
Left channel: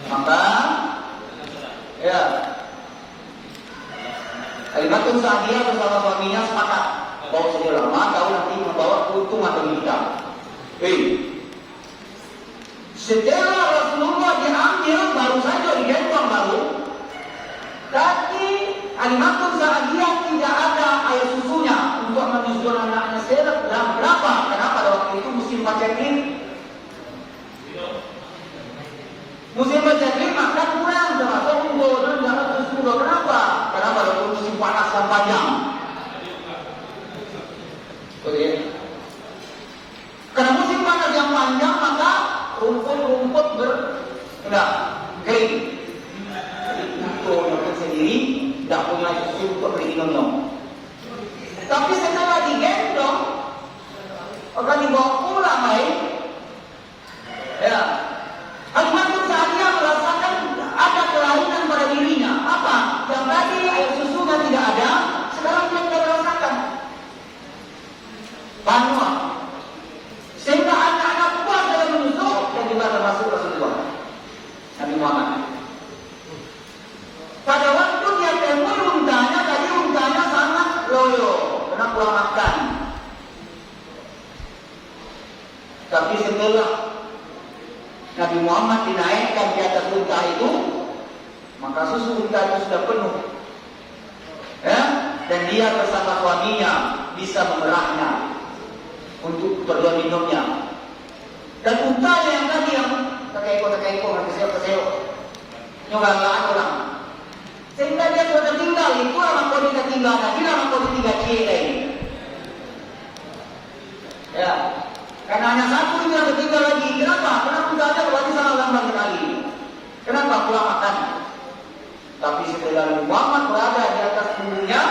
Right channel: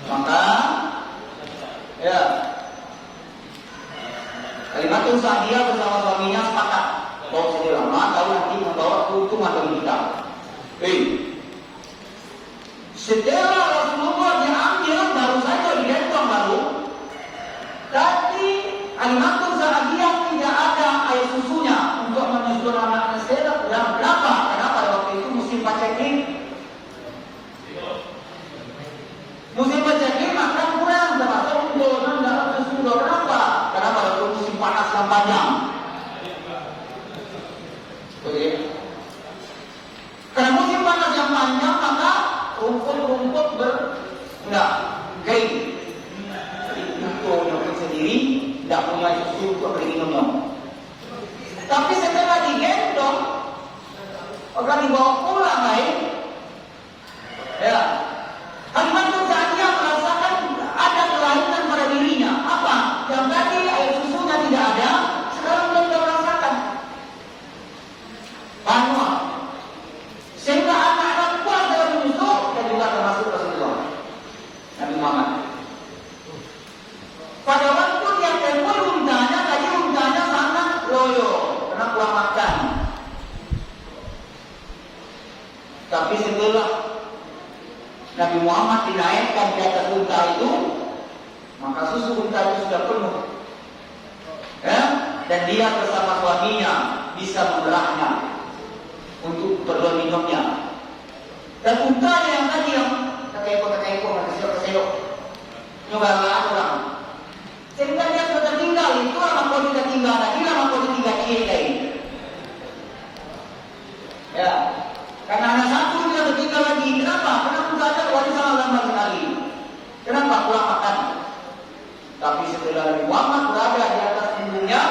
Maka, ya, Kalimatun Sa'diyah bersama suaminya sepakat bahwa sudah lama kau nanti membawa keuntungan bagi kita. Setelah Rasulullah diambil baru saja digendong baru. Tapi Kalimatun Sa'diyah tidak ada air susunya untuk menyusul anaknya setelah berapa? Karena pada waktu itu musim paceklik. Musim paceklik makan kurang, terasa unggul dan dapat susu. Kenapa? Karena pada waktu musim panas yang panjang. Oke. Karena musim panas yang panjang maka rumput kering. Jadi untuk makan sendiri tidak punya susu untuk minum. Tapi setelah digendong, orang dibawa pulang ya. Kalimatun Sa'diyah merasakan ada kelainan pada dirinya. Apa? Yang tadi air susunya tidak ada, sekarang dia sudah merasakan panas. Sehingga anak-anak puas dalam menyusu, dan juga termasuk Rasulullah Nabi Muhammad. Pada waktu dia temui untanya, tadi untanya sangat loyo, karena kurang makan. Tapi setelah Nabi Muhammad dinaikkan di atas unta itu, maka susu unta itu sudah penuh. Ya? Dan dia bersama suaminya bisa mengerahnya untuk perlu minumnya. Dan untanya yang tadi yang terkekok, kesewok, nyoba orang. Sehingga dia sudah tinggal, itu lama kau tidak tinggal, tadi lama kau tidak cie. Ya, karena anak satu dia tinggal lagi. Kenapa? Karena untanya wajib sangat lambat sekali. Kenapa? Kurang makan. Tapi setelah Muhammad berada di atas punggungnya,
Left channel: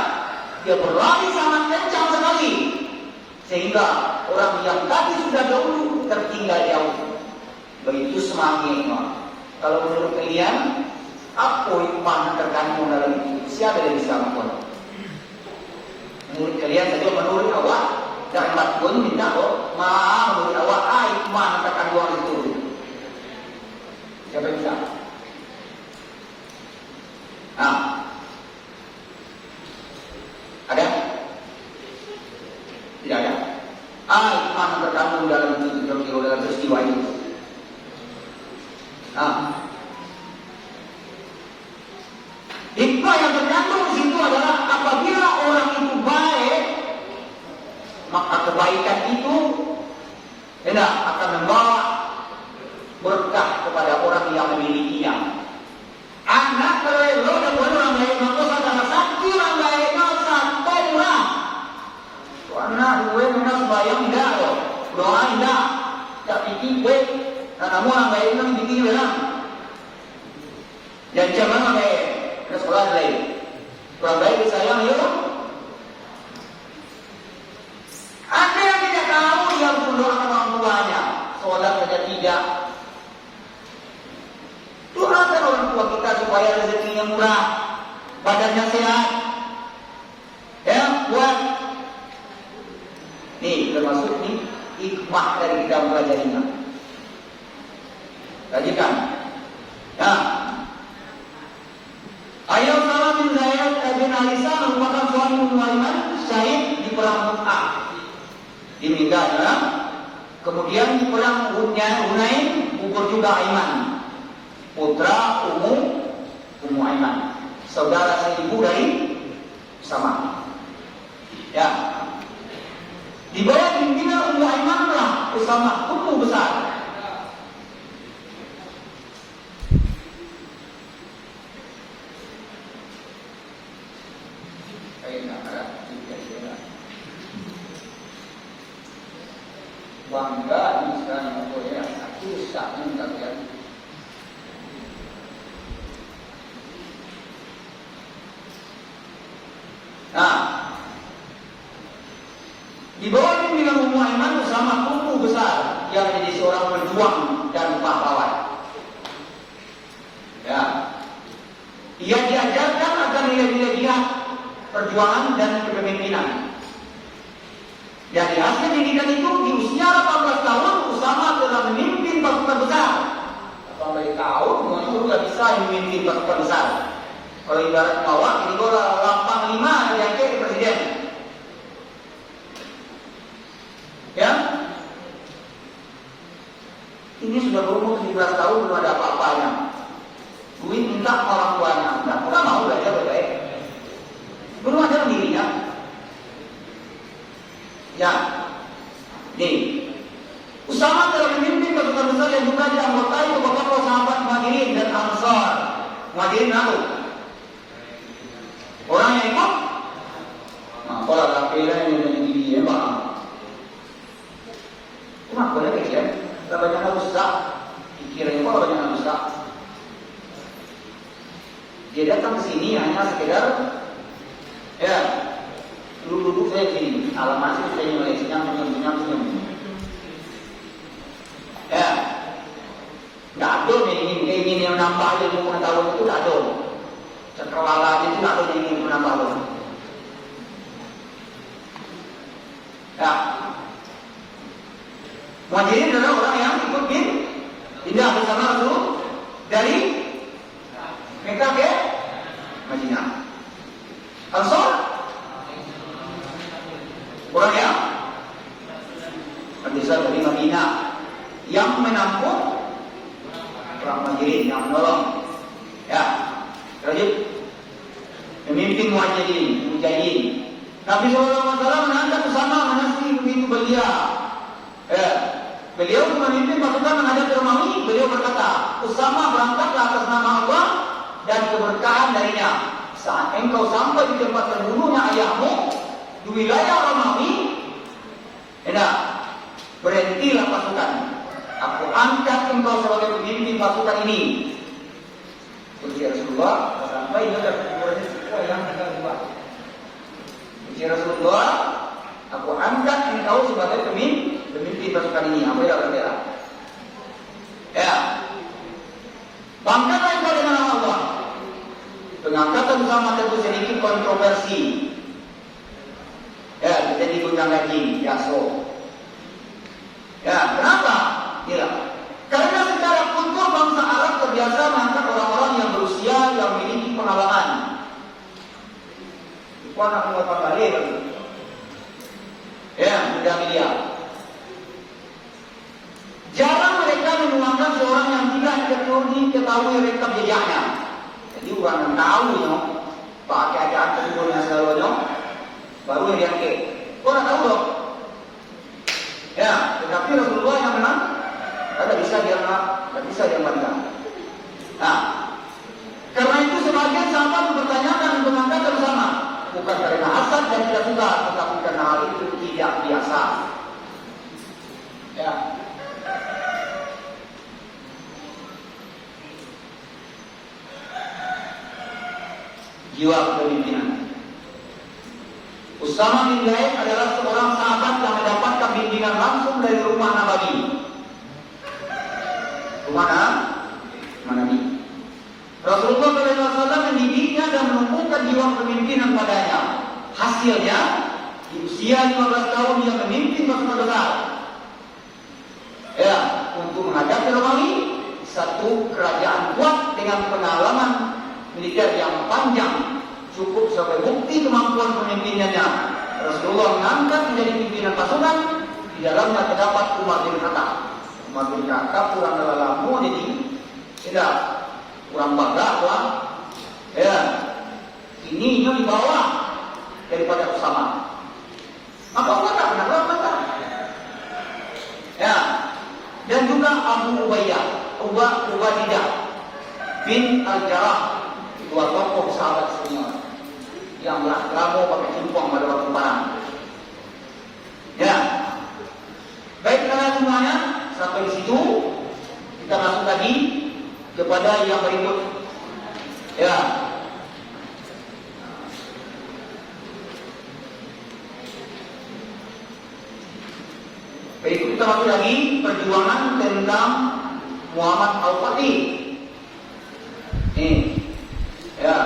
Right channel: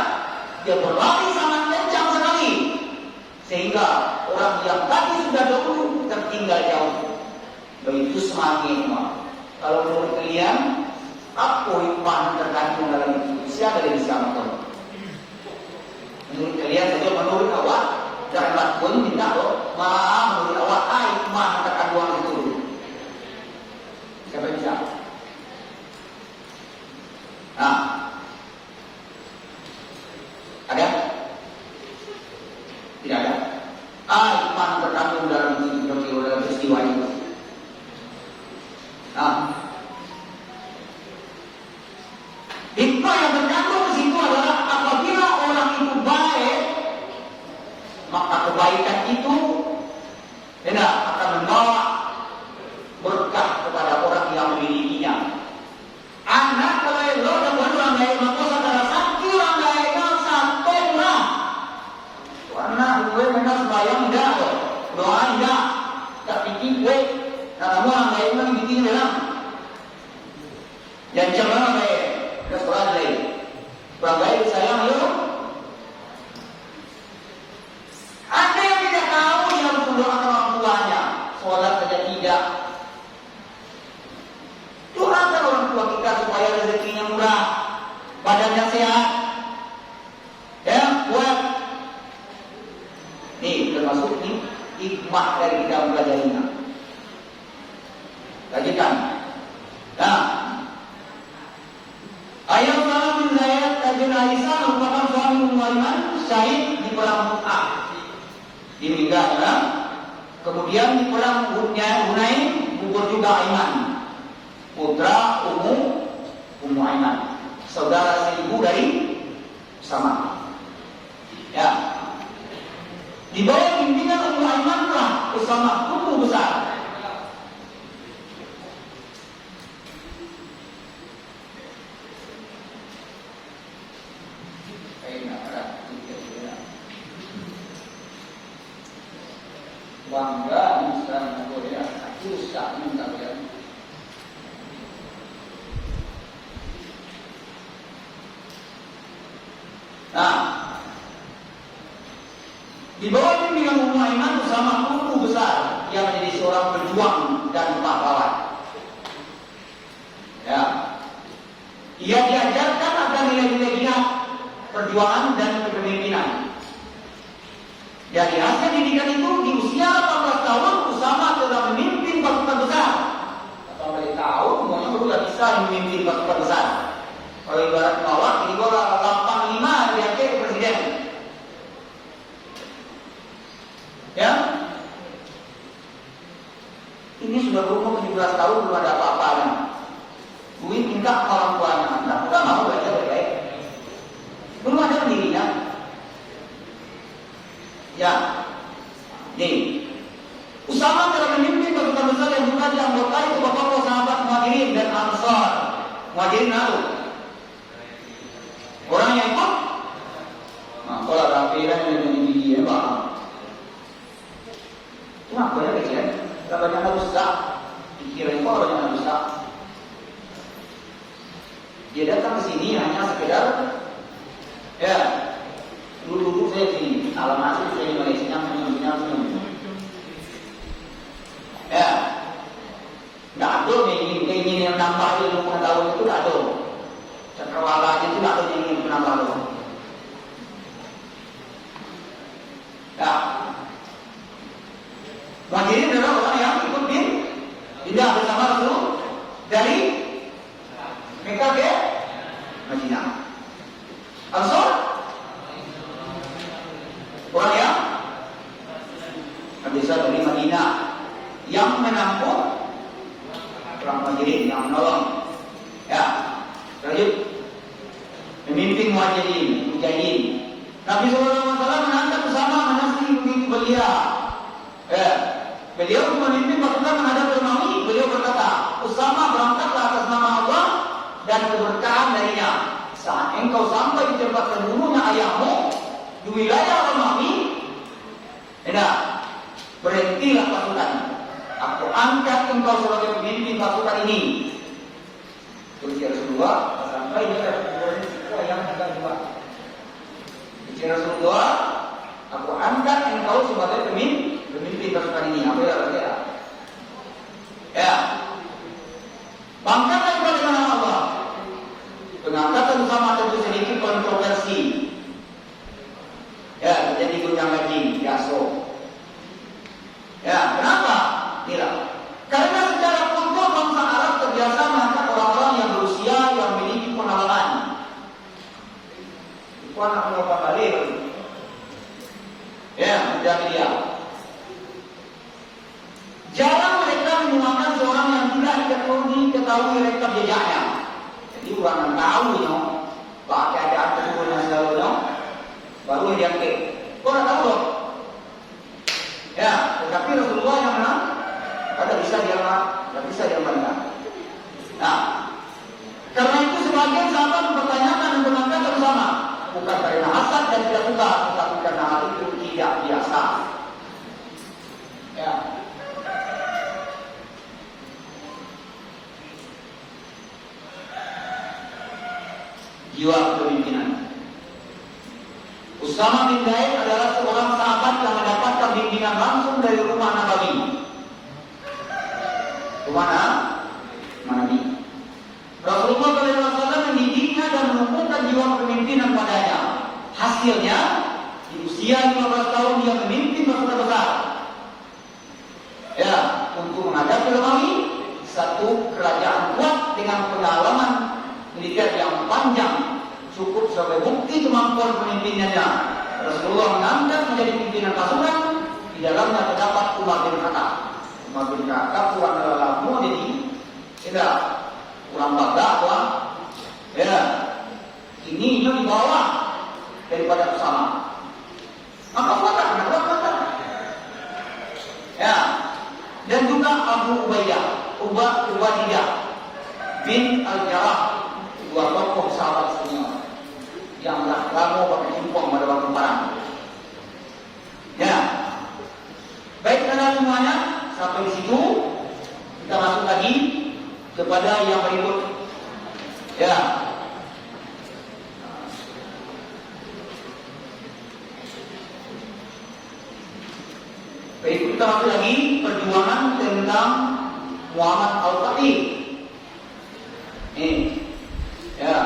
dia berlari sangat kencang sekali. Sehingga orang yang tadi sudah dahulu tertinggal jauh. Begitu semangatnya. Kalau menurut kalian, apa hikmah terkandung dalam itu? Siapa yang bisa mengatakan? Menurut kalian saja menurut Allah, jangan pun minta menurut Allah hikmah terkandung itu. Siapa bisa? Ada? Tidak ada. Hikmah terkandung dalam itu dalam peristiwa itu. Hikmah yang terkandung di situ adalah apabila orang itu baik, maka kebaikan itu akan membawa berkah kepada orang yang memilikinya. Anak kelelo dan orang lain maka saudara sakti orang lain sampai lah. Anak gue memang sembahyang tidak, doa tidak Yang jangan baik, sekolah baik. Sekolah baik disayang yuk. Ada yang tidak tahu dia mendoakan orang tuanya, sholat saja tidak. Doakan orang tua kita supaya rezekinya murah, badannya sehat, ya kuat. Nih termasuk nih hikmah dari kita mempelajarinya. Tadi kan, nah, Ayah Usama bin Zaid bin Aisyah merupakan suami Ummu Aiman, syahid di perang Mu'ah. Meninggal, ya. Kemudian di perang Hunain gugur juga Aiman, putra Ummu Aiman, saudara seibu dari Usama. Ya. Di bawah pimpinan Ummu Aiman lah Usama tumbuh besar. Bangga bisa mengoyak aku sekali kalian. Nah, di bawah pimpinan Ummu Aiman Usama tumbuh besar yang menjadi seorang pejuang dan pahlawan. Ya, ia diajarkan akan nilai-nilai jihad, perjuangan dan kepemimpinan. Dari hasil didikan itu di usia 18 tahun Usama telah memimpin pasukan besar. 18 tahun semuanya sudah bisa memimpin pasukan besar. Kalau ibarat kawat ini bola lantang 5 diangkat presiden. Ya, ini sudah berumur 17 tahun belum ada apa-apanya. Gue minta orang tuanya, nah, bukan mau belajar baik. Belum ada dirinya. Ya, jadi Usama telah memimpin pasukan besar yang juga dianggotai beberapa sahabat Muhajirin dan Ansar. Muhajirin tahu orang yang ikut, nah, kalau laki-laki yang menjadi dia, bang, cuma benar ya, kita banyak harus tak, pikirin kok banyak harus tak. Dia datang ke sini hanya sekedar, ya. Dulu saya gini, alamat itu saya senyum. Ya, nggak ada ini yang nambah dia mau tahu itu nggak ada. Sekolah itu nggak ada ini menambah lo. Ya, Muhajirin adalah orang yang ikut pindah bersama Rasul dari Mekah ke Madinah. Ansar orang yang besar dari Madinah yang menampung orang Muhajirin yang menolong. Ya, lanjut memimpin Muhajirin. Nabi SAW menantang bersama menasih begitu belia. Ya, beliau memimpin pasukan menghadap Romawi. Beliau berkata, Usama berangkatlah atas nama Allah dan keberkahan darinya. Saat engkau sampai di tempat terbunuhnya ayahmu di wilayah Romawi, berhentilah pasukan. Aku angkat engkau sebagai pemimpin pasukan ini. Ketika Rasulullah sampai dia berhenti yang akan buat. Ketika Rasulullah, aku angkat engkau sebagai pemimpin pasukan ini. Apa ya? Ya, bangkitlah engkau dengan nama Allah. Pengangkatan bersama tentu sedikit kontroversi. Ya, jadi gunung lagi, Yaso. Ya, kenapa? Tidak. Karena secara kultur bangsa Arab terbiasa mengangkat orang-orang yang berusia yang memiliki pengalaman. Itu anak berapa kali? Ya, sudah dia. Jarang mereka menuangkan seorang yang tidak diketahui rekam jejaknya. Jadi orang yang tahu, pakai ada tersebut dan segalanya. Baru yang diangkat. Kau tak tahu dong. Ya, tetapi Rasulullah yang menang, ada bisa dia menang. Nah, karena itu sebagian sahabat mempertanyakan dan mengangkat bersama, bukan karena hasad dan tidak suka, tetapi karena hal itu tidak biasa. Ya. jiwa kepemimpinan. Usama bin Zaid adalah seorang sahabat yang mendapatkan bimbingan langsung dari rumah Nabi. Rumah Nabi. Rasulullah SAW mendidiknya dan menumbuhkan jiwa kepemimpinan padanya. Hasilnya, di usia 15 tahun dia memimpin pasukan besar. Ya, untuk menghadapi Romawi, satu kerajaan kuat dengan pengalaman militer yang panjang, cukup sebagai bukti kemampuan pemimpinannya. Rasulullah mengangkat menjadi pimpinan pasukan. Di dalamnya terdapat Umar bin Khattab. Umar bin Khattab pulang lelamu jadi tidak kurang bangga lah. Ya, ini di bawah daripada Usama. Apa kata? Ya, dan juga Abu Ubaidah bin Al-Jarrah, dua tokoh sahabat semua yang kamu pakai simpong pada waktu perang. Ya, baik karena semuanya sampai di situ kita masuk lagi kepada yang berikut. Ya, berikut kita masuk lagi perjuangan tentang Muhammad Al-Fatih. Ini, ya.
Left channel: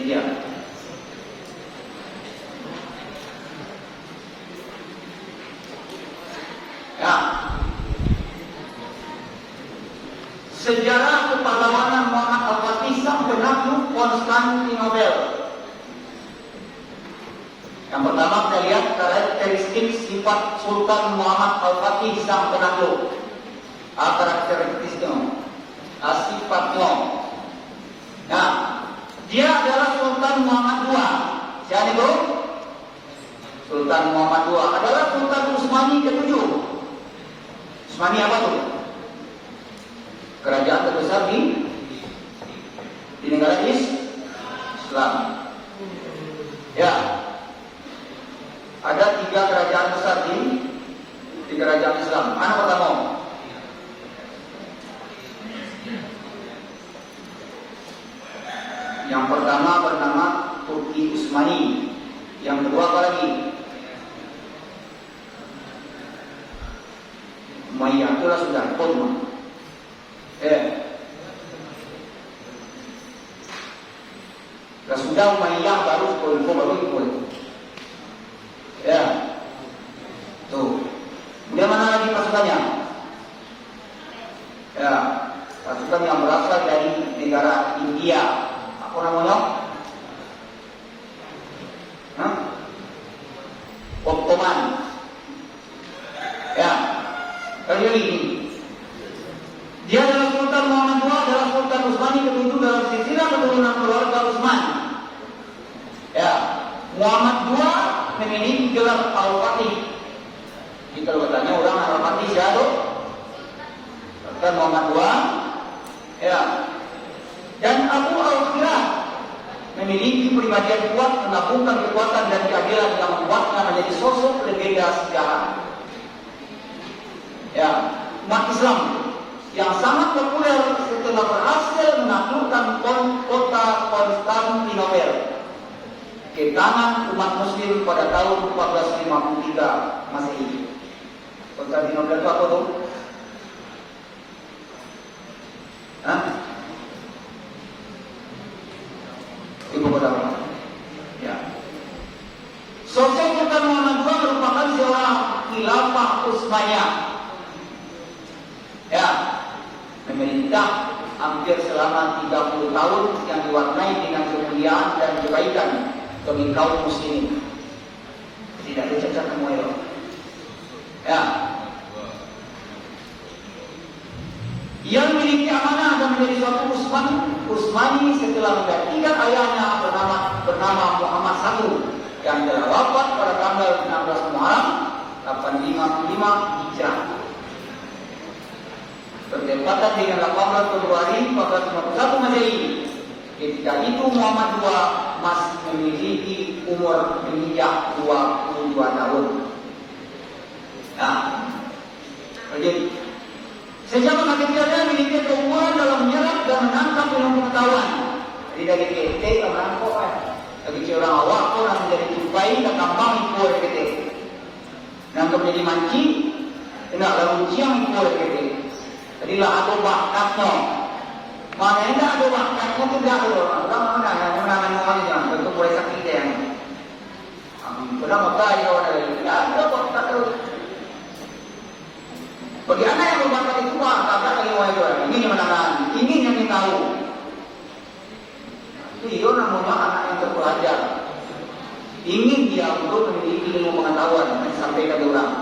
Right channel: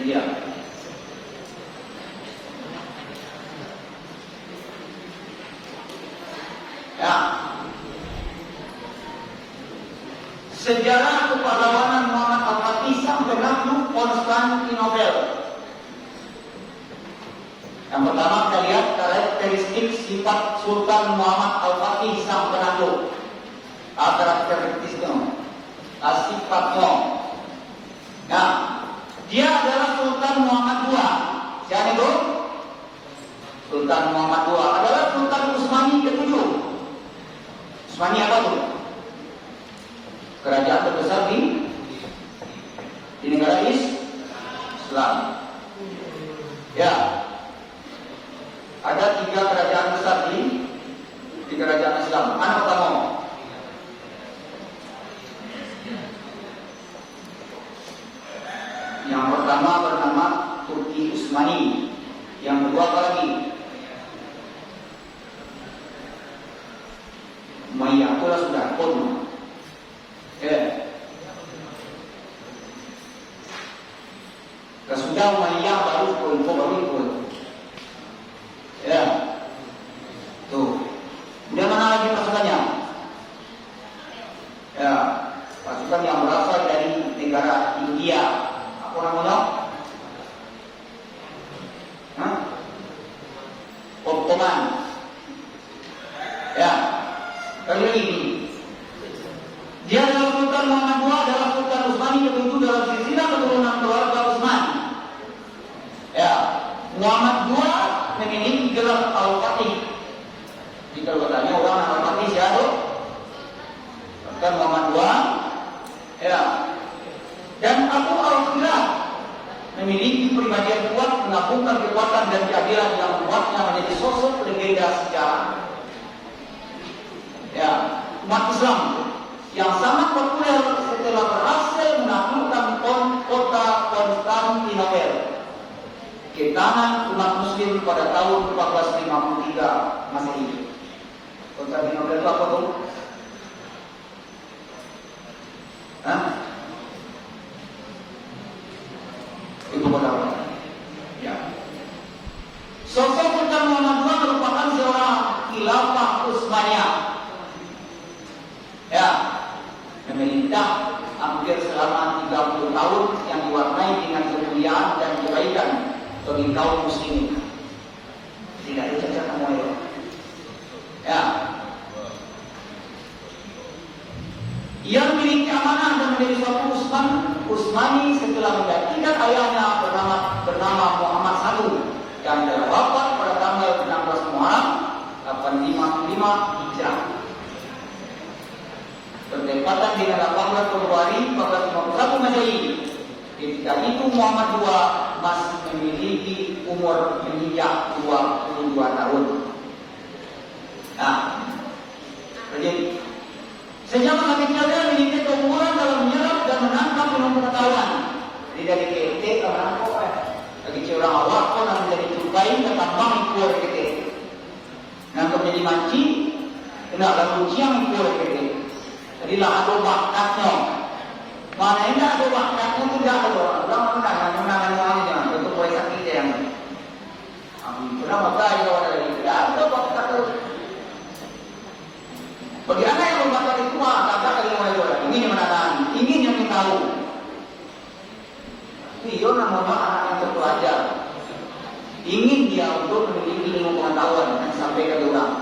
Ini dia. Ya. Sejarah kepahlawanan Muhammad Al-Fatih sang penakluk Konstantinopel. Yang pertama kita lihat karakteristik sifat Sultan Muhammad Al-Fatih sang penakluk. Karakteristiknya, sifatnya. Nah, dia adalah Sultan Muhammad II. Siapa itu? Sultan Muhammad II adalah Sultan Utsmani ke-7. Utsmani apa itu? Kerajaan terbesar di negara Islam. Ya. Ada 3 kerajaan besar di kerajaan Islam. Mana pertama? Yang pertama bernama Turki Utsmani. Yang kedua apa lagi? Umayyah itu sudah pun. Sudah Umayyah baru ikut. Ya, tuh. Dia mana lagi pasukannya? Ya, pasukan yang berasal dari negara India. Apa namanya? Ottoman. Ya, kali ini dia adalah Sultan Muhammad II, adalah Sultan Utsmani ke-7 dalam silsilah keturunan keluarga Utsman. Ya, Muhammad II memiliki gelar Al-Fatih. Jika bertanya orang Al-Fatih siapa? Sultan Muhammad II. Ya. Dan Abu Al-Filah memiliki pribadian kuat, menabungkan kekuatan dan keadilan yang membuatnya menjadi sosok berbeda sejarah. Ya, umat Islam yang sangat populer setelah berhasil menaklukkan kota Konstantinopel ke tangan umat Muslim pada tahun 1453 Masehi. Konstantinopel itu apa tuh? Ibu kota. Ya. Sosok Sultan Muhammad II merupakan seorang khilafah Utsmaniyah. Ya, memerintah hampir selama 30 tahun yang diwarnai dengan kemuliaan dan kebaikan bagi kaum muslimin. Tidak ada cacat kamu. Ya. Ia memiliki amanah dan menjadi suatu Utsmani setelah menggantikan ayahnya bernama Muhammad I yang telah wafat pada tanggal 16 Muharram 855 Hijrah. Bertepatan dengan 18 Februari 1451 Masehi. Ketika itu Muhammad II masih memiliki umur menginjak 22 tahun. Nah, jadi Sejak masa kecilnya memiliki keunggulan dalam menyerap dan menangkap ilmu pengetahuan. Jadi dari KT orang kok bagi orang awak pun akan menjadi tupai dan tambang ikur KT. Nangkap jadi manci, kena lalu siang ikur KT. Jadilah ada bakatnya. Mana ada bakatnya tidak ada orang menang itu boleh sakit yang. Kenapa baik orang lain? Tidak ada bakat itu. Bagi anak yang berbakat itu kakak dari orang lain ingin menang, ingin yang tahu. Itu namanya anak yang terpelajar. Ingin dia untuk memiliki ilmu pengetahuan yang sampai ke orang.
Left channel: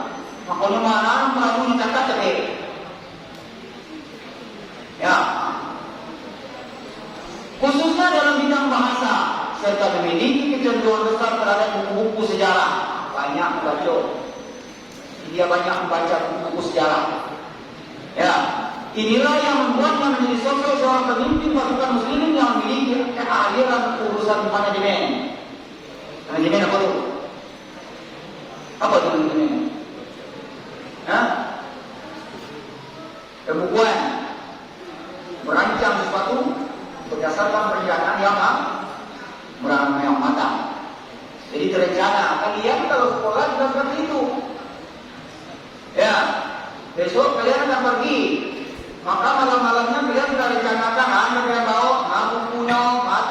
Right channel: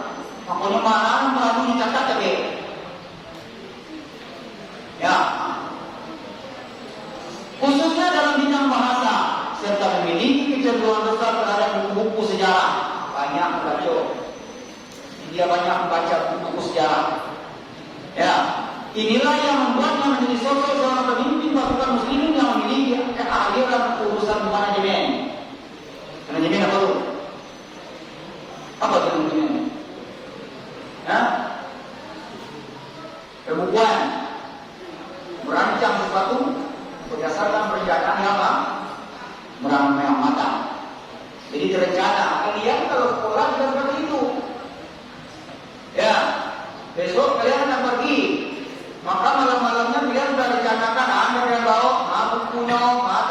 Makanya malam melalui kakak tadi. Ya, khususnya dalam bidang bahasa serta memiliki kecenderungan besar terhadap buku-buku sejarah. Banyak membaca. Dia banyak membaca buku-buku sejarah. Ya, inilah yang membuatnya menjadi sosok seorang pemimpin pasukan muslimin yang memiliki keahlian urusan manajemen. Manajemen apa itu? Apa itu manajemen? Ya, pembukuan, merancang sesuatu berdasarkan perencanaan yang matang. Jadi terencana. Kalian kalau sekolah sudah seperti itu. Ya, besok kalian akan pergi. Maka malam-malamnya kalian sudah rencanakan. Anda kalian bawa bukunya,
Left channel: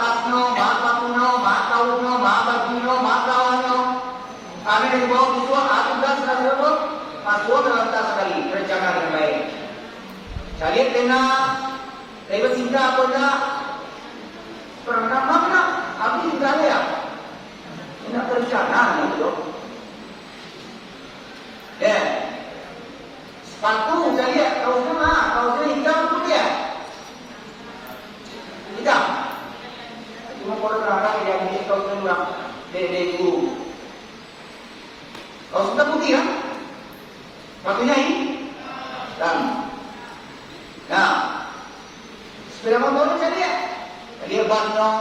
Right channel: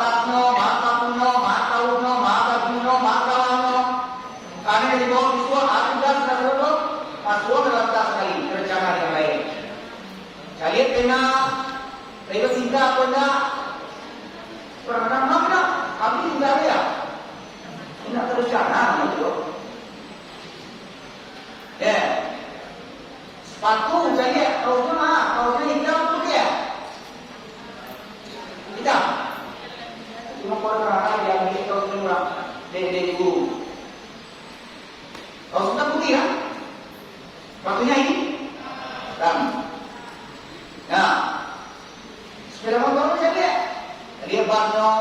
tasnya, kapunya, bajunya, kawannya. Anda dari bawah siswa, sudah selesai. Aswa terlantar sekali rencana yang baik. Kalian kena lewat cinta atau enggak? Pernah mana? Habis tidak ada ya? Tidak terencana gitu. Ya, sepatu saya kalau hitam putih ya? Hitam. Cuma kalau terangkan dia mungkin kalau semua dari guru. Kalau sudah putih kan? Sepatunya ini dan nah sepeda motornya jadi ya? Dari bannya,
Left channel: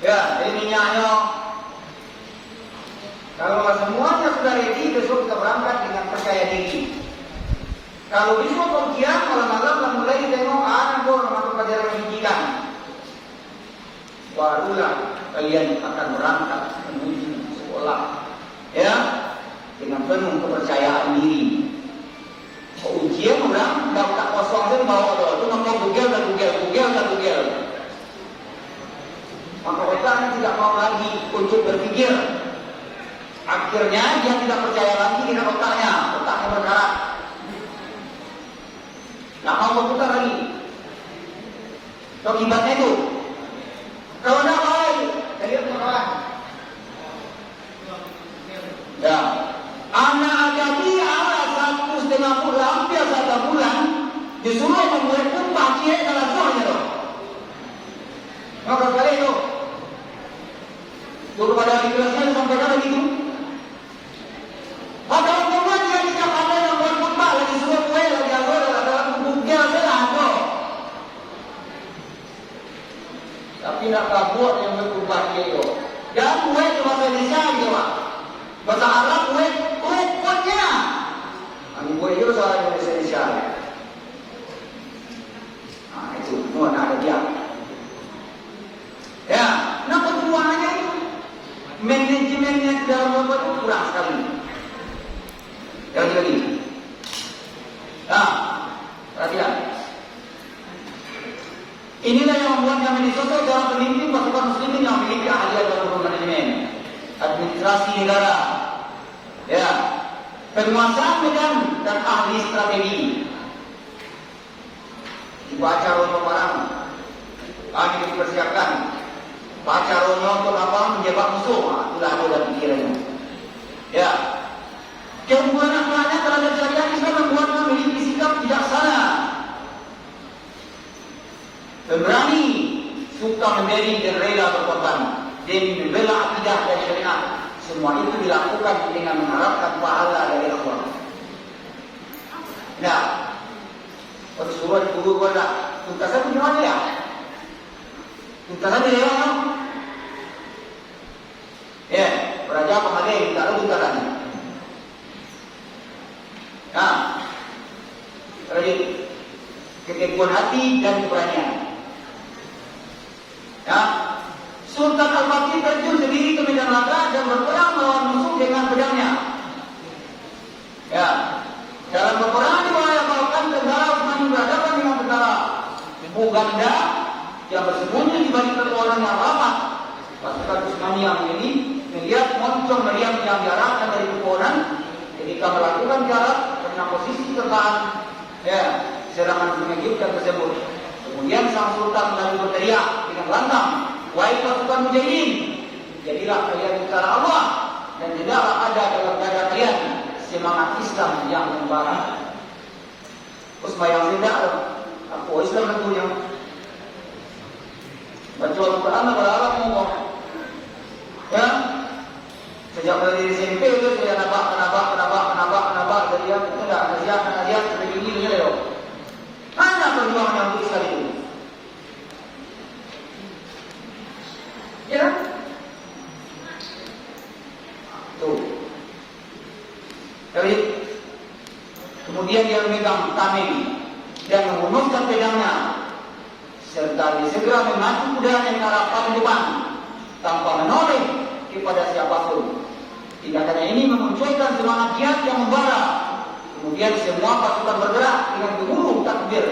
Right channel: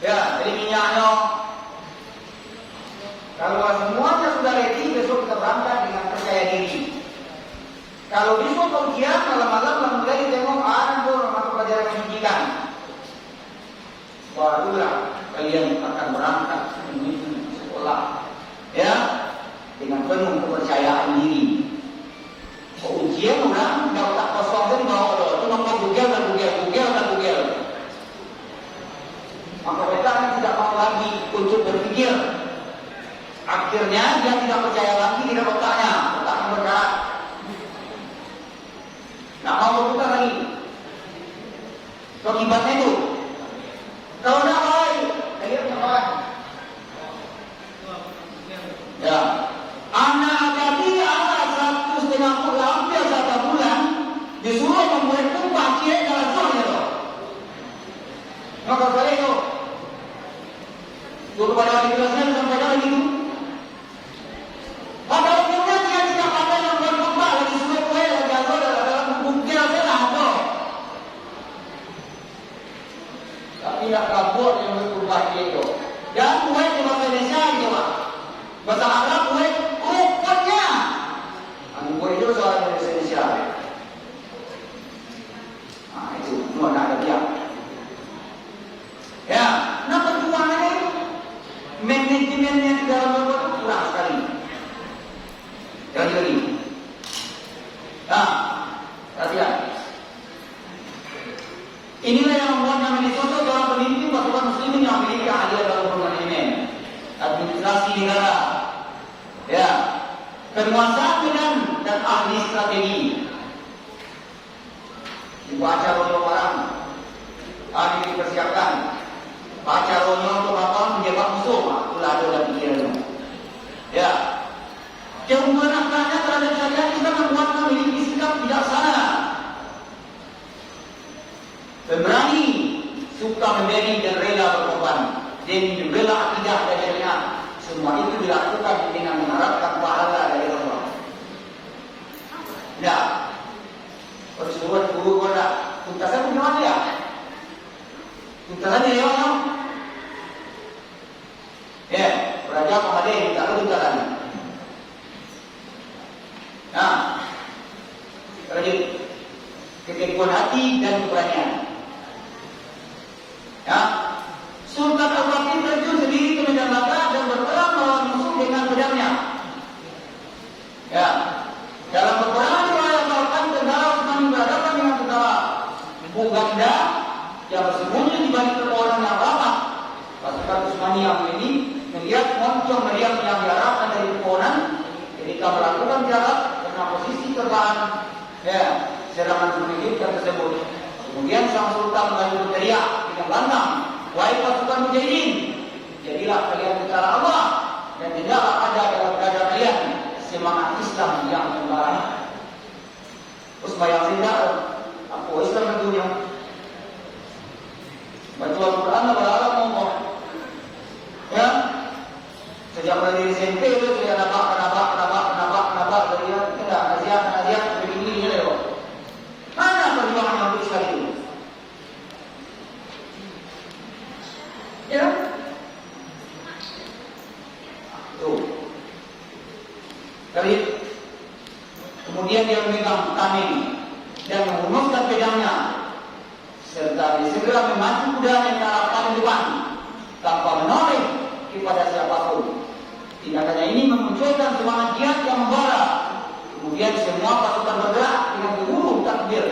ya, dari minyaknya. Kalau semuanya sudah ready, besok kita berangkat dengan percaya diri. Kalau besok kemudian malam-malam mulai tengok ada orang masuk pelajaran pendidikan, barulah kalian akan berangkat menuju sekolah, ya, dengan penuh kepercayaan diri. Ujian orang baru tak kosong tu bawa tu nama Google. Maka mereka tidak mau lagi untuk berpikir. Akhirnya dia tidak percaya lagi dengan otaknya bergerak. Tak mau berputar lagi. Akibatnya itu, kalau nak baik, kalian kawan. Ya, anak jadi anak 1,5 bulan, hampir 1 bulan, disuruh membuat tumpah cek dalam suaranya. Maka kali itu, dulu pada hari kelasnya disampaikan begitu. Pada umumnya dia tidak ada yang buat tumpah, lagi suruh kue, lagi ada dalam buknya adalah ada. Tapi nak kabur yang bertumpah cek itu. Dan kue itu bahasa Indonesia gitu Pak. Bahasa Arab kue ukurnya. Kue itu soal Indonesia. Nah itu semua nak ada dia. Ya, nah perjuangannya itu manajemennya dalam membuat itu kurang sekali. Sekali. Nah, perhatian. Inilah yang membuatnya menjadi sosok seorang pemimpin pasukan muslimin yang memiliki ahliat dalam manajemen, administrasi negara, ya, penguasaan medan dan ahli strategi. Dibaca oleh orang, kami dipersiapkan. Baca rono untuk apa? Menjebak musuh. Itulah adalah pikirannya. Ya, keunggulan anak-anak terhadap syariat bisa membuatnya memiliki sikap bijaksana, pemberani, suka memberi dan rela berkorban, dan membela akidah dan syariat. Semua itu dilakukan dengan mengharapkan pahala dari Allah. Ya, persuruhan guru pada tuntasan di mana ya? Tuntasan di mana? Ya, Raja Pengadil tak ada tuntasan. Nah, Raja Jadi keteguhan hati dan keberanian. Ya, Sultan Al-Fatih terjun sendiri ke medan laga dan berperang melawan musuh dengan pedangnya. Ya, dalam peperangan diwayatkan tentara Utsmani berhadapan dengan tentara Uganda yang bersembunyi di balik pepohonan yang ramah. Pasukan Utsmani yang ini melihat moncong meriam yang diarahkan dari pepohonan ketika melakukan jarak karena posisi tertahan serangan mengejutkan tersebut. Kemudian sang sultan lalu berteriak dengan lantang, "Wahai pasukan mujahidin, jadilah kalian tentara Allah dan tidaklah ada dalam dada kalian semangat Islam yang membara." Terus bayang tidak, aku Islam itu yang baca Al-Quran berharap ngomong, ya. Sejak dari SMP itu sudah kenapa dia tidak kerja begini ya loh. Mana perjuangan untuk sekali itu? Ya, tuh. Kali kemudian dia memegang tameng dan menghunuskan pedangnya serta segera memacu kudanya ke arah paling depan tanpa menoleh kepada siapapun. Tindakannya ini memunculkan semangat jihad yang membara. Kemudian semua pasukan bergerak dengan gemuruh takbir,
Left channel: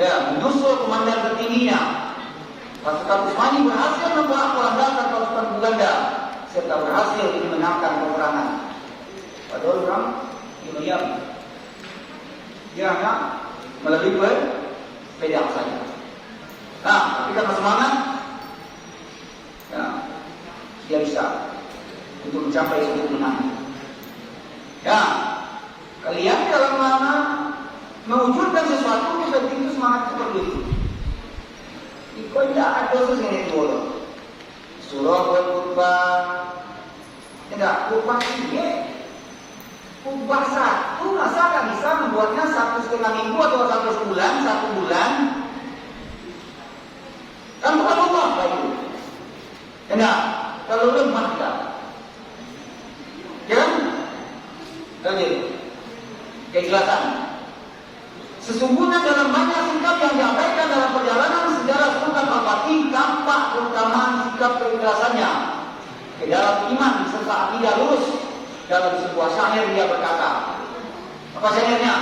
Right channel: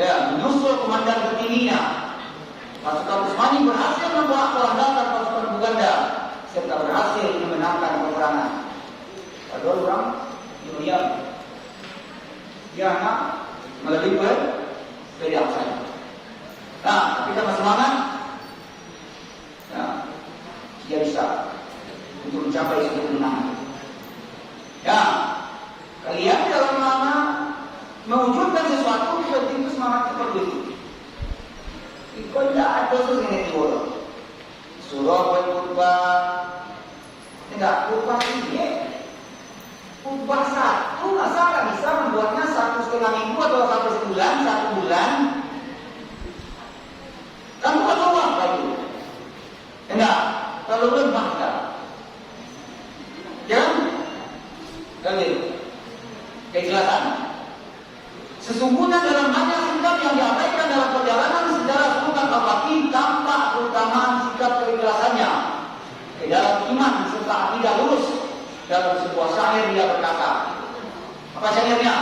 ya, menyusul komandan tertingginya. Pasukan Utsmani berhasil membuat pelambakan pasukan Uganda serta berhasil memenangkan peperangan. Ada orang diam, dia hanya melalui pedang saja. Nah, kita bersemangat, ya, dia bisa untuk mencapai suatu kemenangan. Ya, kalian dalam mana mewujudkan sesuatu kita tinggi semangat seperti itu. Itu tidak ada sesuatu yang boleh. Surah berkhutbah, tidak khutbah ini. Khutbah satu, masa tak bisa membuatnya 1,5 minggu atau 1 bulan, 1 bulan. Kan bukan Allah lagi. Tidak, kalau lemah tak. Ya, kali kejelasan. Sesungguhnya dalam banyak sikap yang diabaikan dalam perjalanan sejarah Sultan Al-Fatih tampak terutama sikap keikhlasannya di dalam iman serta akidah lurus. Dalam sebuah syair dia berkata, apa syairnya?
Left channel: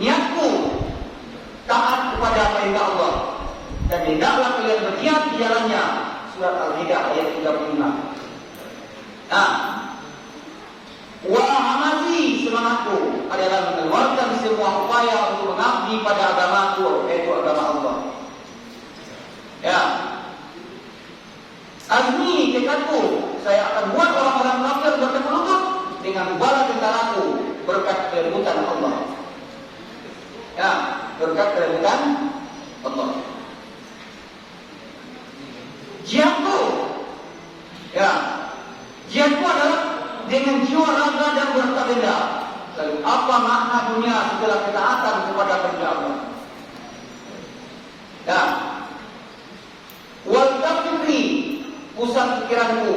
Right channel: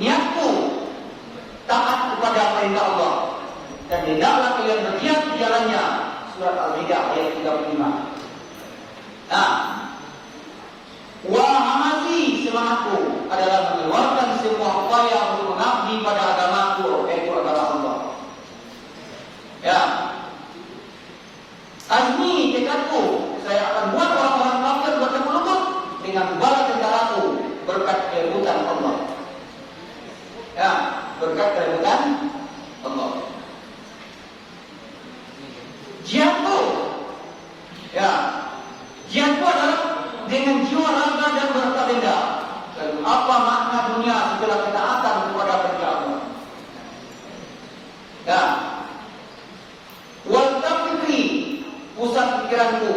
Niatku taat kepada perintah Allah dan hendaklah kalian berjihad di jalannya. Surat Al-Hijr ayat 35. Nah, Wahamati semangatku adalah mengeluarkan semua upaya untuk mengabdi pada agamaku, yaitu agama Allah. Ya, azmi tekadku, saya akan buat orang-orang kafir bertekuk lutut dengan bala tentaraku berkat kerebutan Allah. Ya, berkat kerebutan Allah. Jihadku, ya, jihadku adalah dengan jiwa raga dan berharta benda. Lalu apa makna dunia setelah ketaatan kepada kerja Allah? Ya. Wal tafkiri, pusat pikiranku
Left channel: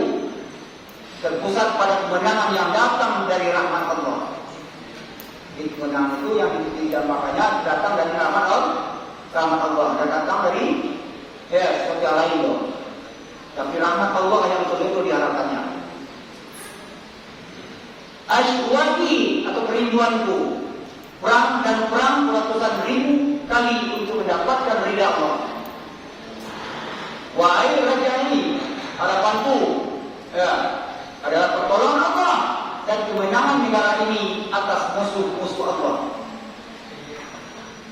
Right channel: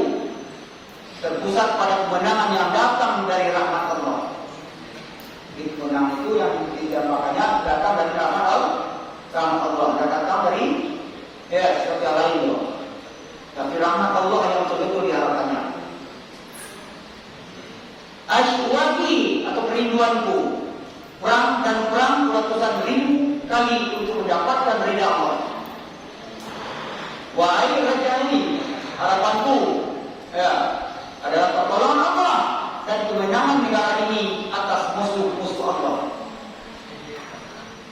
terpusat pada kemenangan yang datang dari rahmat Allah. Kemenangan itu yang makanya datang dari rahmat Allah, dan datang dari sesuatu lain loh. Tapi rahmat Allah yang betul-betul diharapkannya. Asyuwati atau kerinduanku, perang ratusan ribu kali untuk mendapatkan ridha Allah. Wahai raja ini, harapanku adalah pertolongan Allah dan kemenangan negara ini atas musuh-musuh Allah.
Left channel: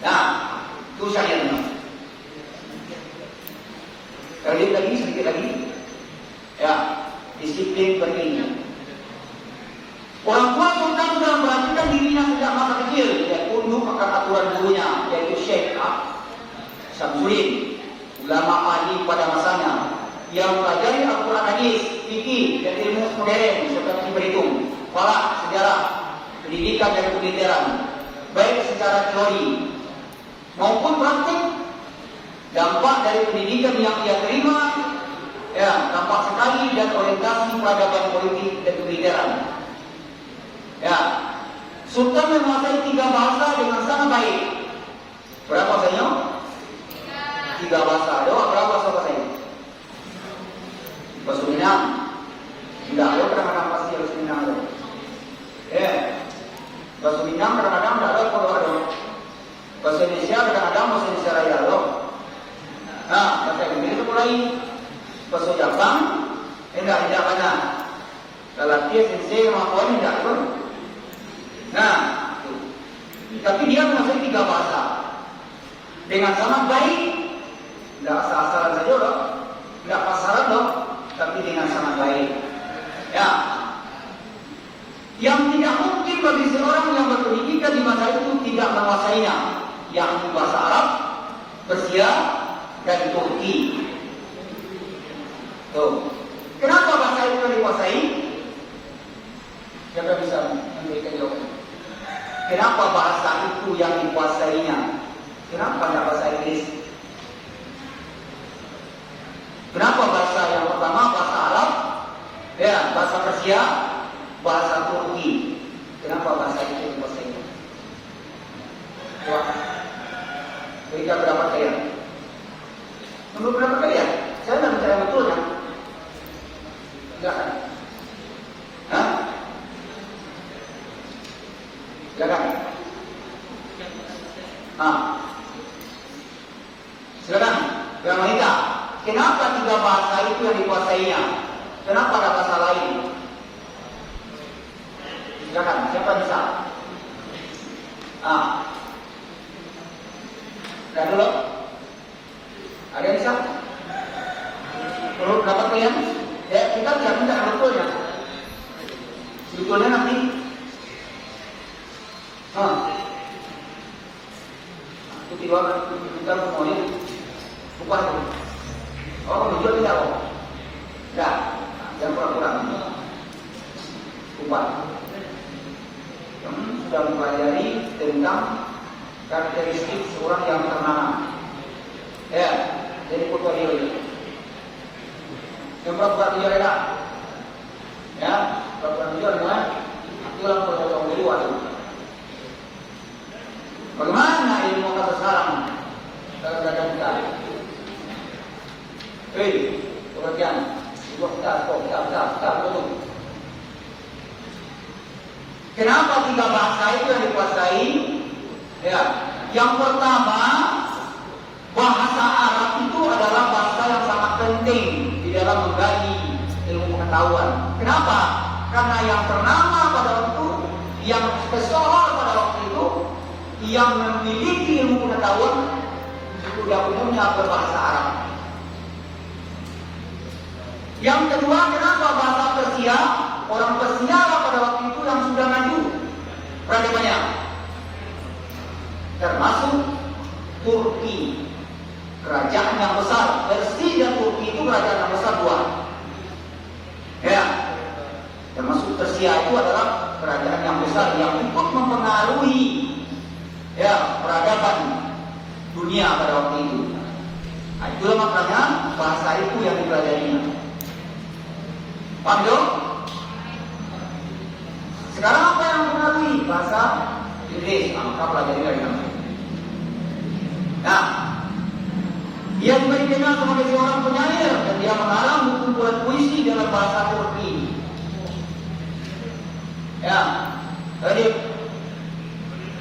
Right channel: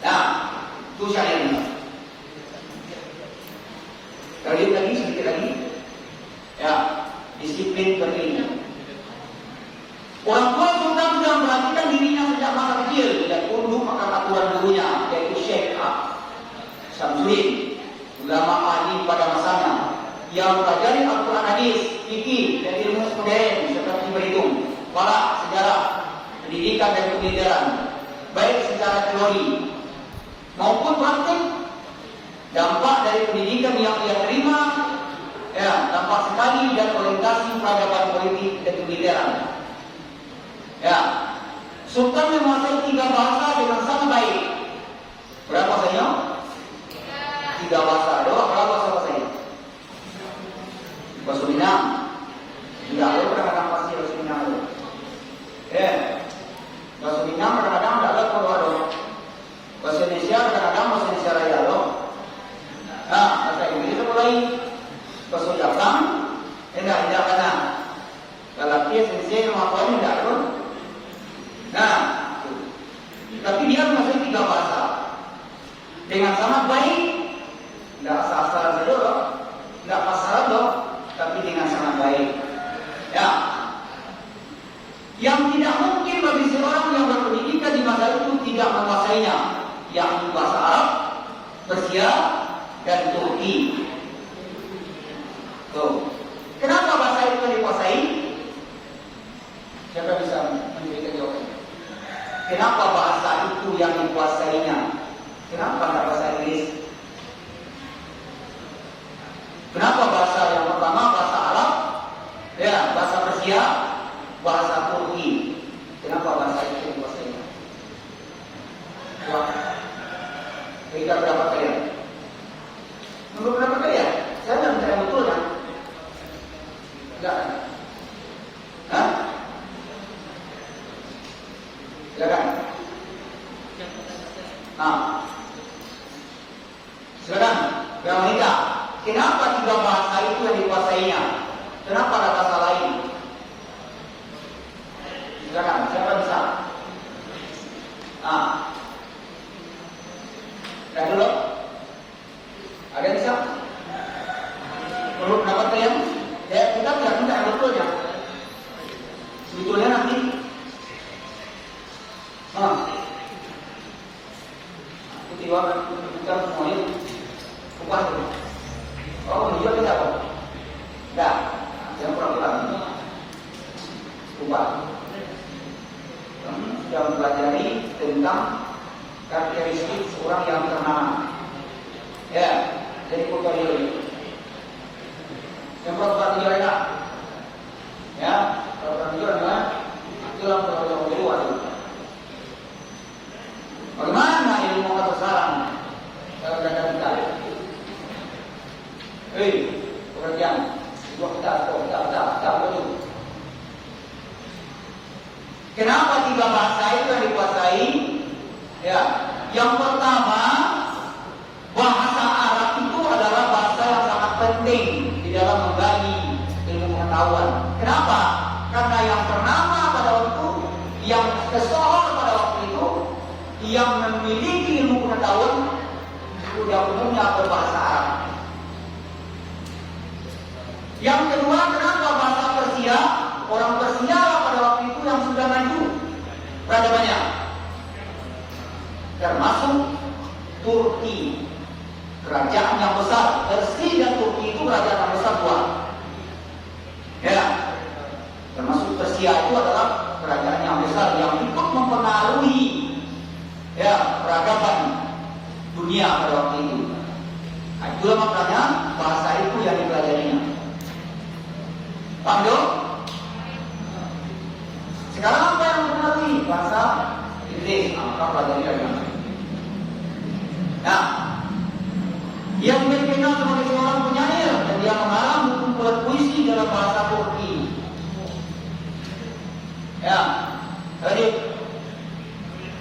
Nah, itu syairnya. Sedikit lagi, ya, disiplin pentingnya. Orang tua sultan sudah memperhatikan dirinya sejak masa kecil dan tunduk akan aturan gurunya, yaitu Syekh Samsudin, ulama ahli pada masanya, yang mempelajari Al-Quran hadis, fikih dan ilmu modern seperti berhitung, falak, sejarah, pendidikan dan kemiliteran, baik secara teori maupun praktik. Dampak dari pendidikan yang ia terima, ya, tampak sekali dan orientasi peradaban politik dan kemiliteran. Ya, Sultan menguasai 3 bahasa dengan sangat baik. menguasai 3 bahasa dengan sangat baik, tidak asal-asalan saja loh, tidak pasaran loh, tapi dengan sangat baik. Ya, yang tidak mungkin bagi seorang yang berpendidikan di masa itu tidak menguasainya, yakni bahasa Arab, Persia, dan Turki. Tuh. Kenapa bahasa itu dikuasai? Siapa bisa memberikan jawaban? Kenapa bahasa itu yang dikuasainya? Kenapa tidak bahasa Inggris? Kenapa bahasa yang pertama bahasa Arab, ya bahasa Persia, bahasa Turki? Kenapa bahasa itu dikuasainya? Coba, kita berapa kali? Menurut berapa kali ya? Saya tidak bicara betul kan? Enggak kan? Hah? Silakan. Silakan. Granita. Kenapa 3 bahasa itu yang dikuasainya? Kenapa ada bahasa lain? Silakan. Siapa bisa? Sudah dulu. Ada yang bisa? Menurut pendapat kalian? Ya kita tidak minta betulnya. Sebetulnya nanti tiba kita semuanya bukan itu. Oh, menjual tidak kok? Enggak. Yang pura-pura ubah. Sudah mempelajari tentang karakteristik seorang yang ternama. Ya, jadi portfolio ini. Yang pura-pura menjual tidak? Ya, pura-pura menjual kan? Itulah portfolio yang luar. Bagaimana ilmu kata sarang kadang-kadang kita? Pengertian kita betul. Kenapa 3 bahasa itu yang dikuasai? Ya, yang pertama bahasa Arab itu adalah bahasa yang sangat penting di dalam menggali ilmu pengetahuan. Kenapa? Karena yang ternama pada waktu itu, yang tersohor pada waktu itu, yang memiliki ilmu pengetahuan sudah umumnya berbahasa Arab. Yang kedua, kenapa bahasa Persia? Orang Persia pada waktu itu yang sudah maju peradabannya, termasuk Turki, kerajaan yang besar. Persia dan Turki itu kerajaan yang besar 2. Ya, termasuk Persia itu adalah kerajaan yang besar yang ikut mempengaruhi peradaban dunia pada waktu itu. Itulah makanya bahasa itu yang dipelajarinya. Paham dong? Sekarang apa yang mempengaruhi bahasa Inggris? Maka pelajari dari mana? Nah, dia juga dikenal sebagai seorang penyair dan dia mengarang buku puisi dalam bahasa Turki. Ya, lanjut.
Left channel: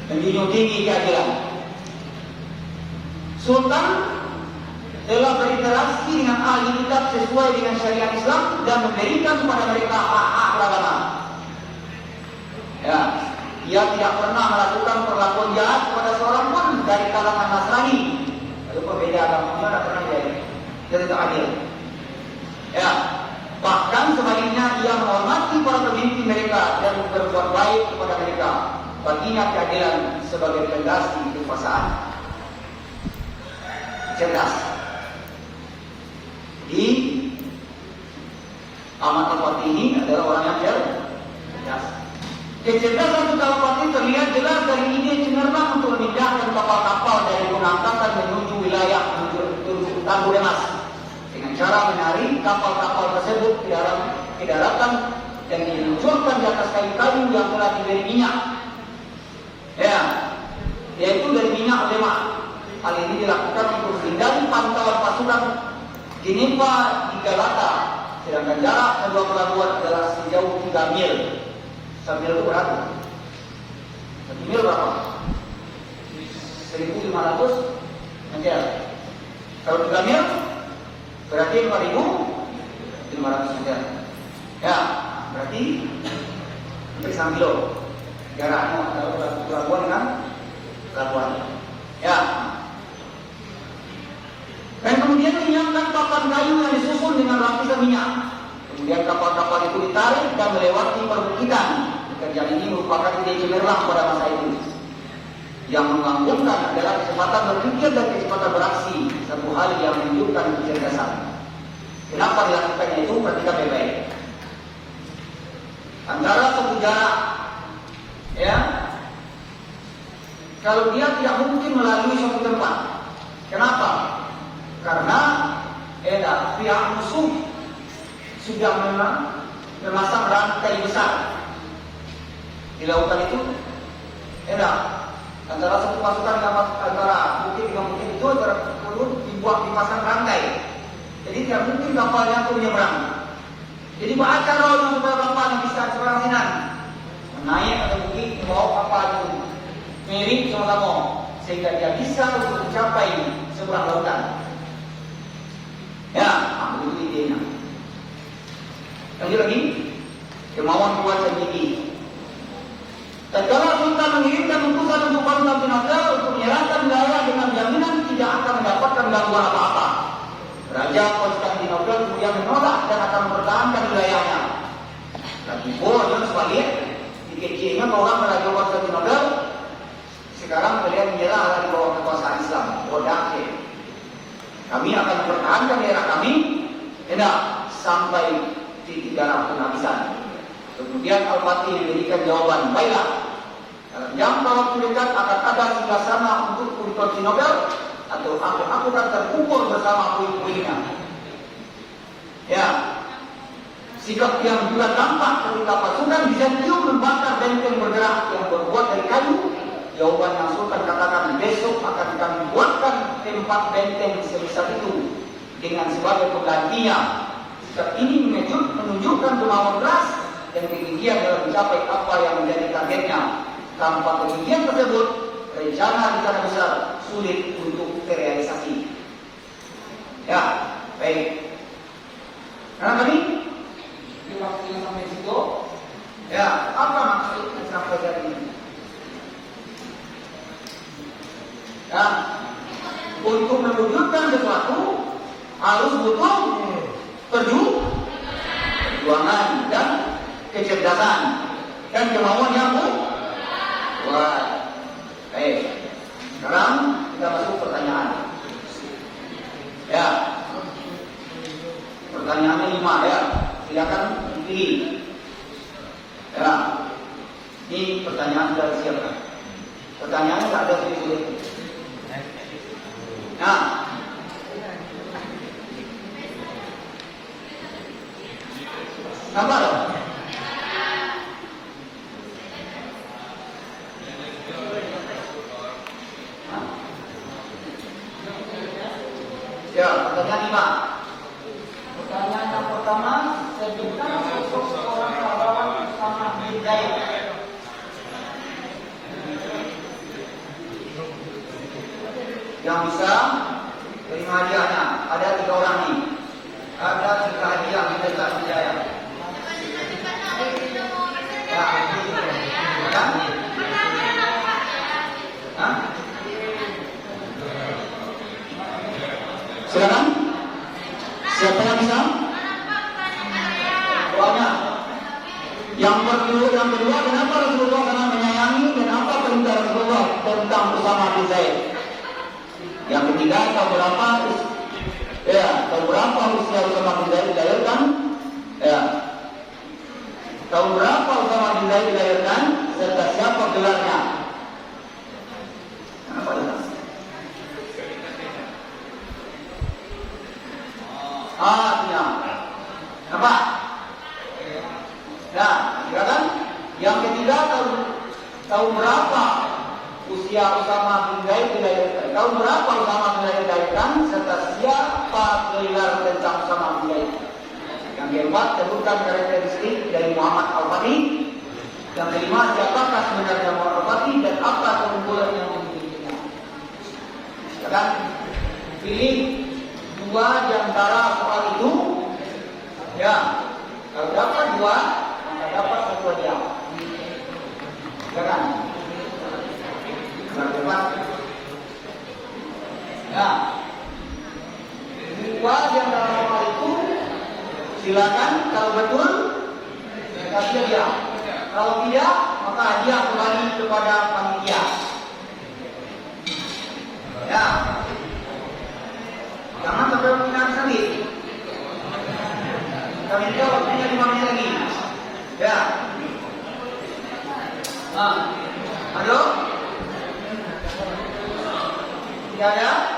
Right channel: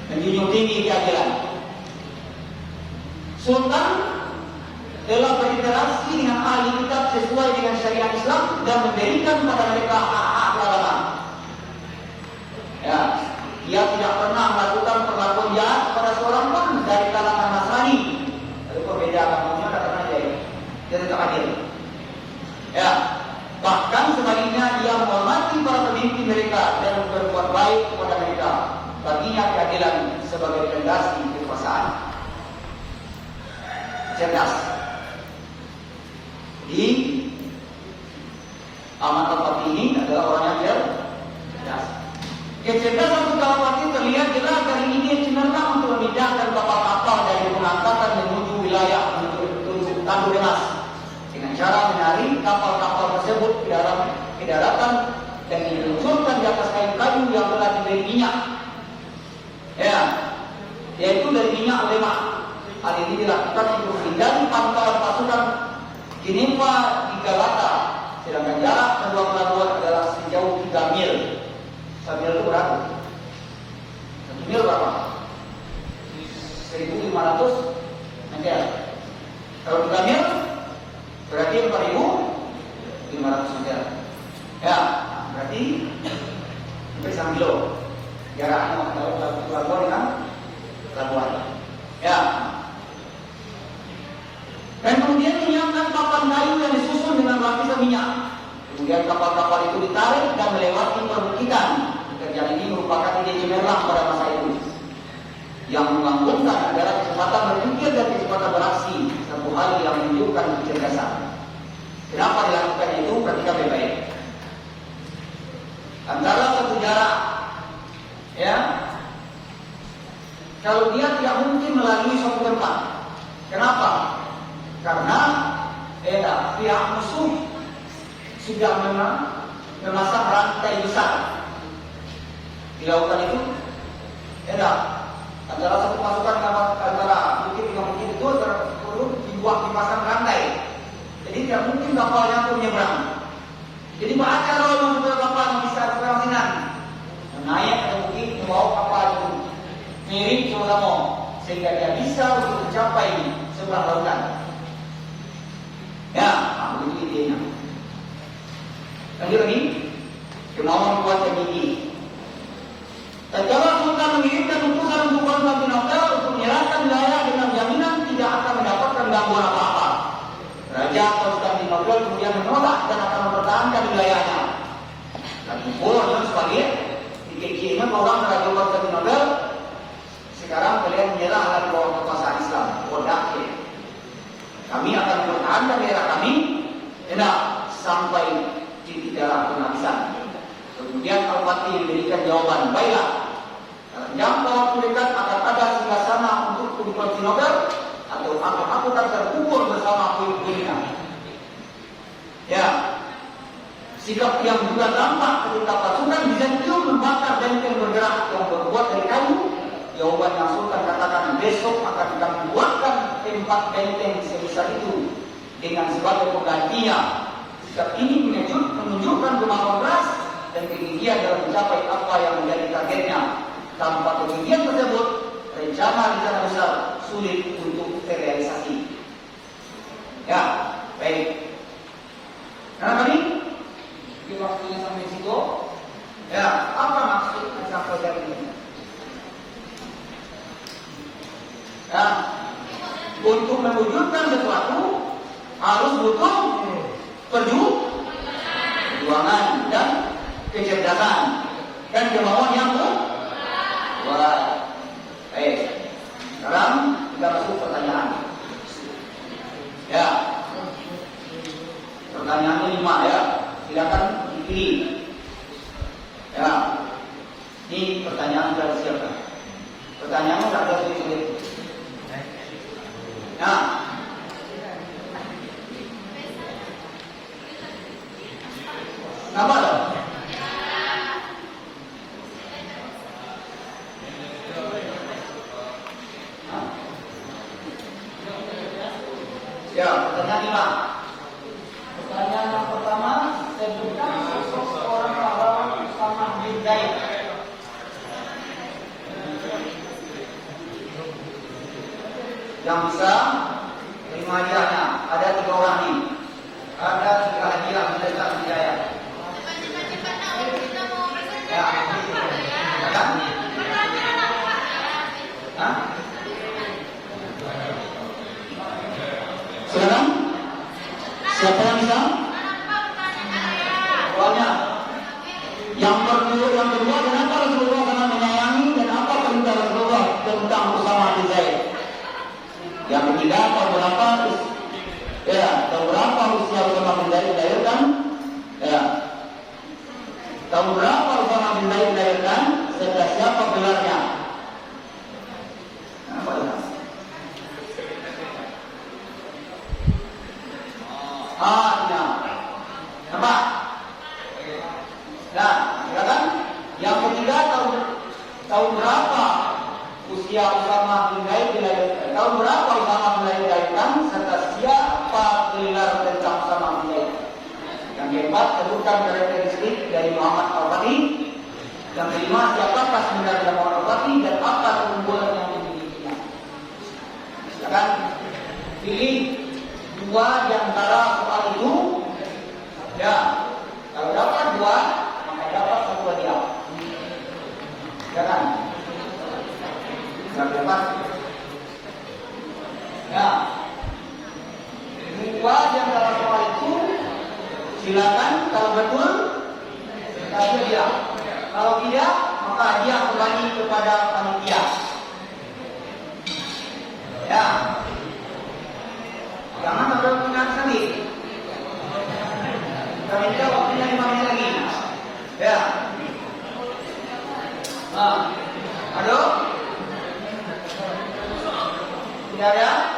Menjunjung tinggi keadilan. Sultan telah berinteraksi dengan ahli kitab sesuai dengan syariat Islam dan memberikan kepada mereka hak-hak beragama. Ya, ia tidak pernah melakukan perlakuan jahat kepada seorang pun dari kalangan Nasrani. Itu berbeda agamanya, tidak pernah dia tetap adil. Ya, bahkan sebaliknya ia menghormati para pemimpin mereka dan berbuat baik kepada mereka. Baginya keadilan sebagai fondasi kekuasaan. Cerdas. Di amat tempat ini adalah orang yang cerdas. Kecerdasan Sultan terlihat jelas dari ide cemerlang untuk memindahkan kapal-kapal dari pengangkatan menuju wilayah menuju Tambu Demas dengan cara menarik kapal-kapal tersebut ke daratan dan diluncurkan di atas kayu-kayu yang telah diberi minyak. Ya, yaitu dari minyak lemak. Hal ini dilakukan untuk menghindari pantauan pasukan Dinimpa di Galata, sedangkan jarak kedua pelabuhan adalah sejauh 3 mil. 3 mil itu berapa? 1 mil berapa? 1.500 meter. Kalau 3 mil berarti 4.500 meter. Ya, berarti hampir 1 kilo. Jaraknya kalau pelabuhan kan laluannya. Ya. Dan kemudian menyiapkan papan kayu yang disusun dengan lapisan minyak. Kemudian kapal-kapal itu ditarik dan melewati perbukitan. Pekerjaan ini merupakan ide cemerlang pada masa itu, yang menggabungkan antara kecepatan berpikir dan kecepatan beraksi, satu hal yang menunjukkan kecerdasan. Kenapa dilakukannya itu? Perhatikan baik-baik. Antara satu jarak, ya, kalau dia tidak mungkin melalui suatu tempat. Kenapa? Karena pihak musuh sudah memasang rantai besar di lautan itu. Antara satu pasukan antara bukit dengan bukit itu perlu dibuat dipasang rantai. Jadi tidak mungkin kapal yang menyeberang. Jadi baca kalau yang sudah kapal yang bisa berasinan naik ke bukit membawa kapal itu mirip sama-sama sehingga dia bisa untuk mencapai sebelah lautan. Ya, begitu idenya. Lagi kemauan kuasa tinggi. Tatkala Sultan mengirimkan utusan untuk Khalifah bin Abdul untuk menyerahkan wilayah dengan jaminan tidak akan mendapatkan gangguan apa-apa. Raja Konstantinopel kemudian menolak dan akan mempertahankan wilayahnya. Dan dan sebagai dikira-kira orang Raja Konstantinopel sekarang beliau menyerah dari bawah kekuasaan Islam. Bodoh. Kami akan mempertahankan daerah kami, sampai titik darah penghabisan. Kemudian Al-Fatih memberikan jawaban, baiklah, dalam waktu dekat akan ada sebelah sana untuk Konstantinopel atau aku akan terkubur bersama puing-puingnya. Ya, sikap yang juga tampak ketika pasukan Bizantium membakar benteng bergerak yang berbuat dari kayu. Jawaban yang Sultan katakan, besok akan kami buatkan tempat benteng sebesar itu dengan sebagai penggantinya. Sikap ini menunjukkan kemauan keras dan kegigihan dalam mencapai apa yang menjadi targetnya. Tanpa kegigihan tersebut, rencana rencana besar sulit untuk terrealisasi. Ya, baik. Karena tadi di waktunya sampai situ, ya, apa maksud sampai dari ini? Ya, untuk mewujudkan sesuatu harus butuh perjuangan dan kecerdasan dan kemauan yang kuat. Sekarang kita masuk pertanyaan. Ya, pertanyaannya 5 ya. Silakan dipilih. Ya, ini pertanyaan dari siapa? Pertanyaannya pada tulis. Nah, apa ada? Ya, pertanyaan 5. Pertanyaan yang pertama, sebutkan sosok seorang sahabat Usamah bin Zaid. Yang bisa terima hadiahnya ada 3 orang ini. Ada 3 hadiah mendapat hidayah. Ya. Silakan. Siapa yang bisa? Soalnya yang kedua, kenapa Rasulullah sangat menyayangi dan apa perintah Rasulullah tentang Usamah bin Zaid? Yang ketiga, tahun berapa usia Usamah bin Zaid dilahirkan? Ya. Tahun berapa Usamah bin Zaid dilahirkan? Serta siapa gelarnya? Kenapa gelar? Ya. Apa? Nah, silakan. Yang ketiga, tahun berapa usia Usamah bin Zaid dilahirkan? Tahun berapa Usamah bin Zaid dilahirkan? Serta siapa gelar tentang Usamah bin Zaid? Yang keempat, sebutkan karakteristik dari Muhammad Al-Fatih. Yang kelima, siapakah sebenarnya Muhammad Al-Fatih dan apa keunggulan yang dimilikinya? Silakan pilih 2 di antara soal itu. Ya, kalau dapat 2, maka dapat 1 hadiah. Silakan. Dapat Silakan, kalau betul kasih dia. Kalau tidak, maka hadiah kembali kepada panitia. Ya. Jangan sampai mengingat sekali. Kami tahu waktunya 5 menit lagi. Ya. Halo? Tidak ada?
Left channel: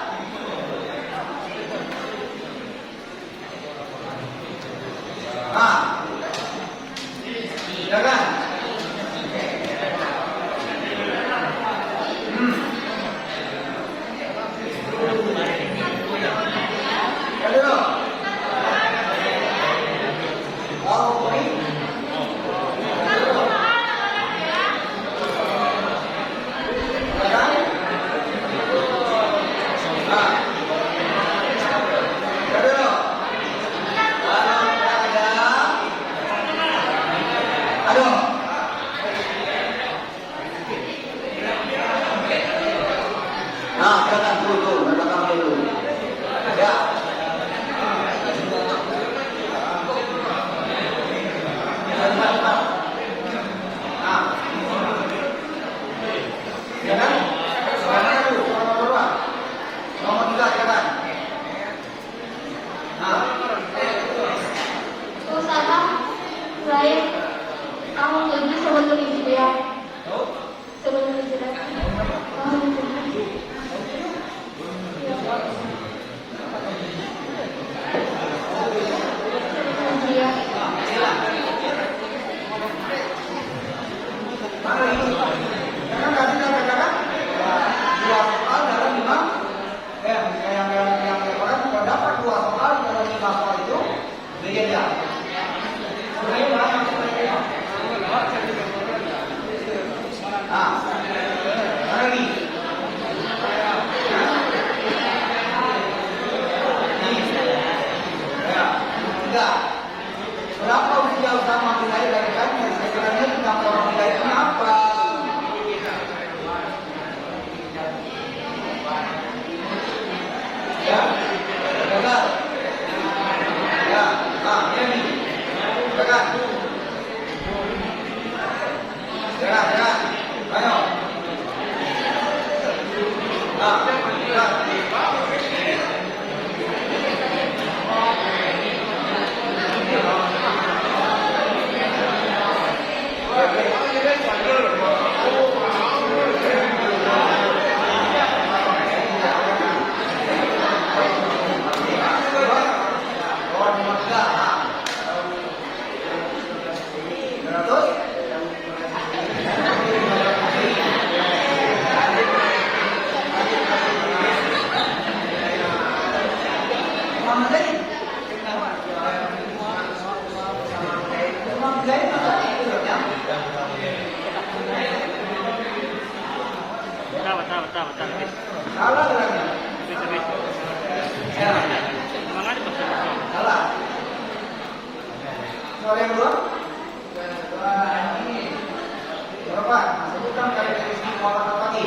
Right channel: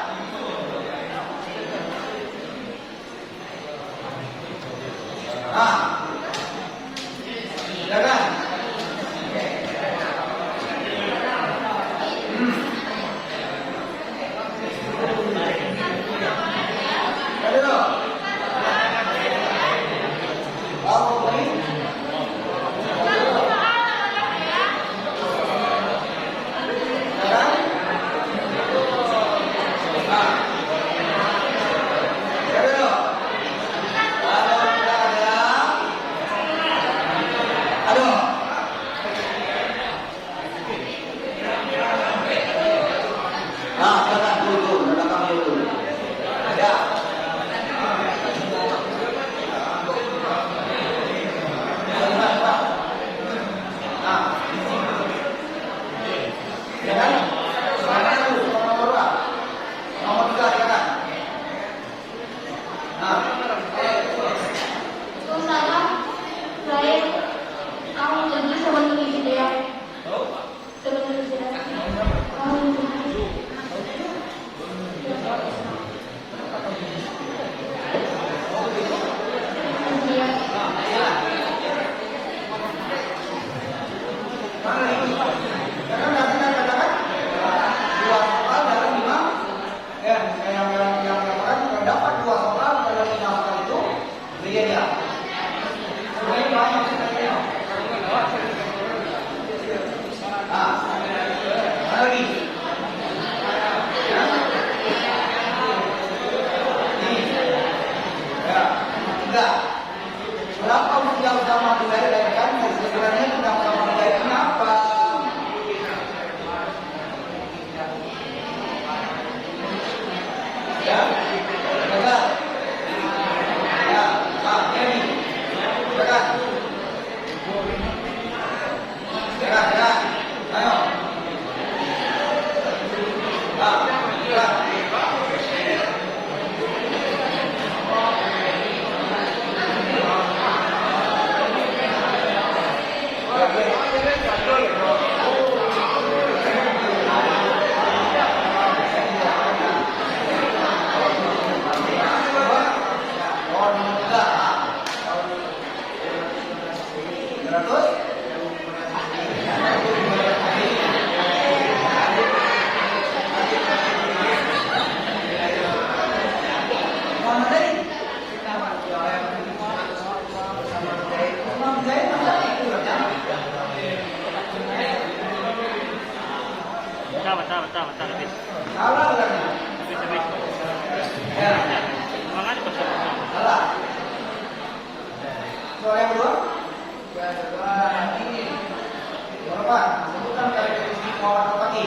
Silakan. Halo. Kalau baik. Berapa usia utama dilahirkan? Sebenarnya kenapa dilahirkan? Kenapa? Ya, betul. Ya, ini. Betul. Ya. Ayo. Ya. Betul. Salah orangnya. Tapi. Ya. Memang ada betul. Salah. Soal yang kedua. Ini. Berapa? Sebutkan karakteristik orang terpati.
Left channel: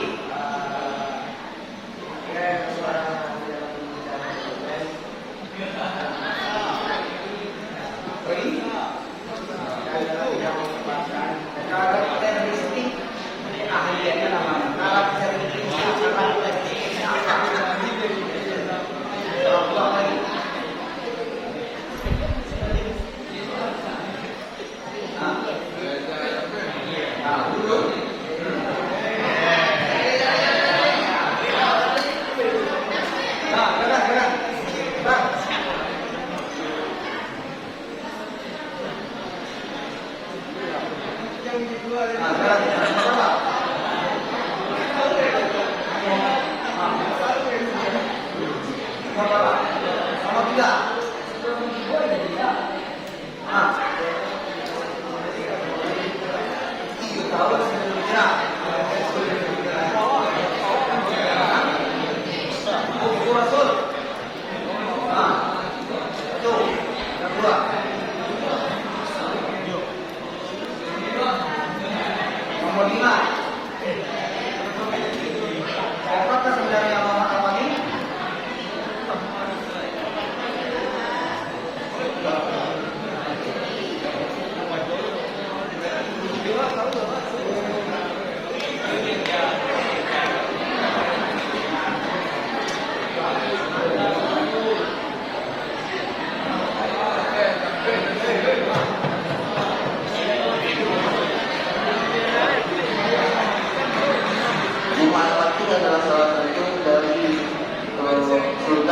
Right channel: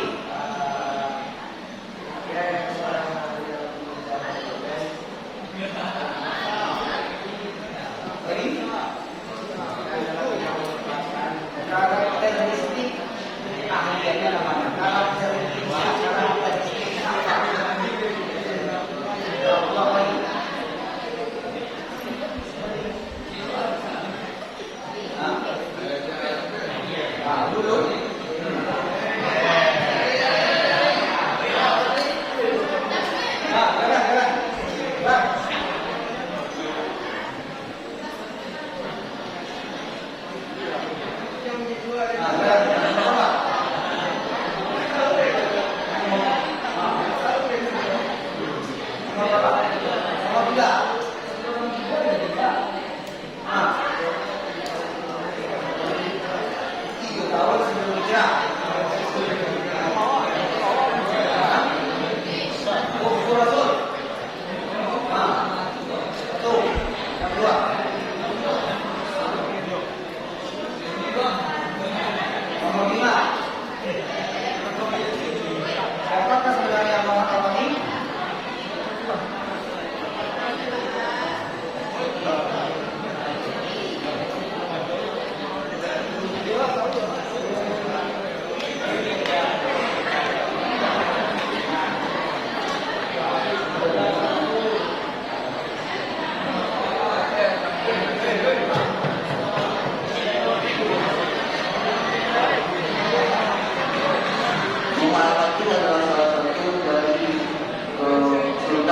Jadi, karakteristik ahliannya lama.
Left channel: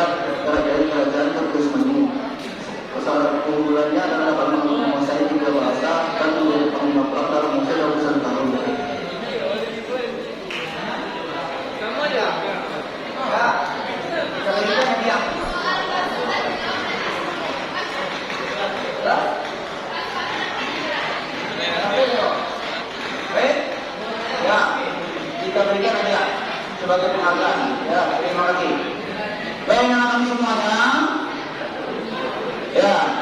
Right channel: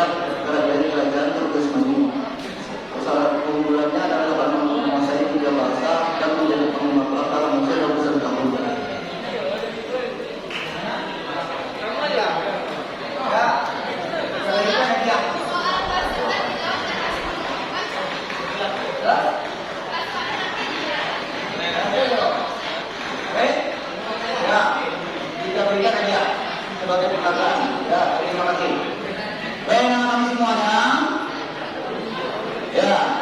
terlibat dari pelajaran terus menerus. Kesalahan keunggulannya adalah dapat menguasai dua bahasa dan menjadi pengguna praktek muncul dalam satu tahun. Kita berikan saja sebagai penghargaan. Ya, terima kasih. Baik, anak-anak semuanya. Ya.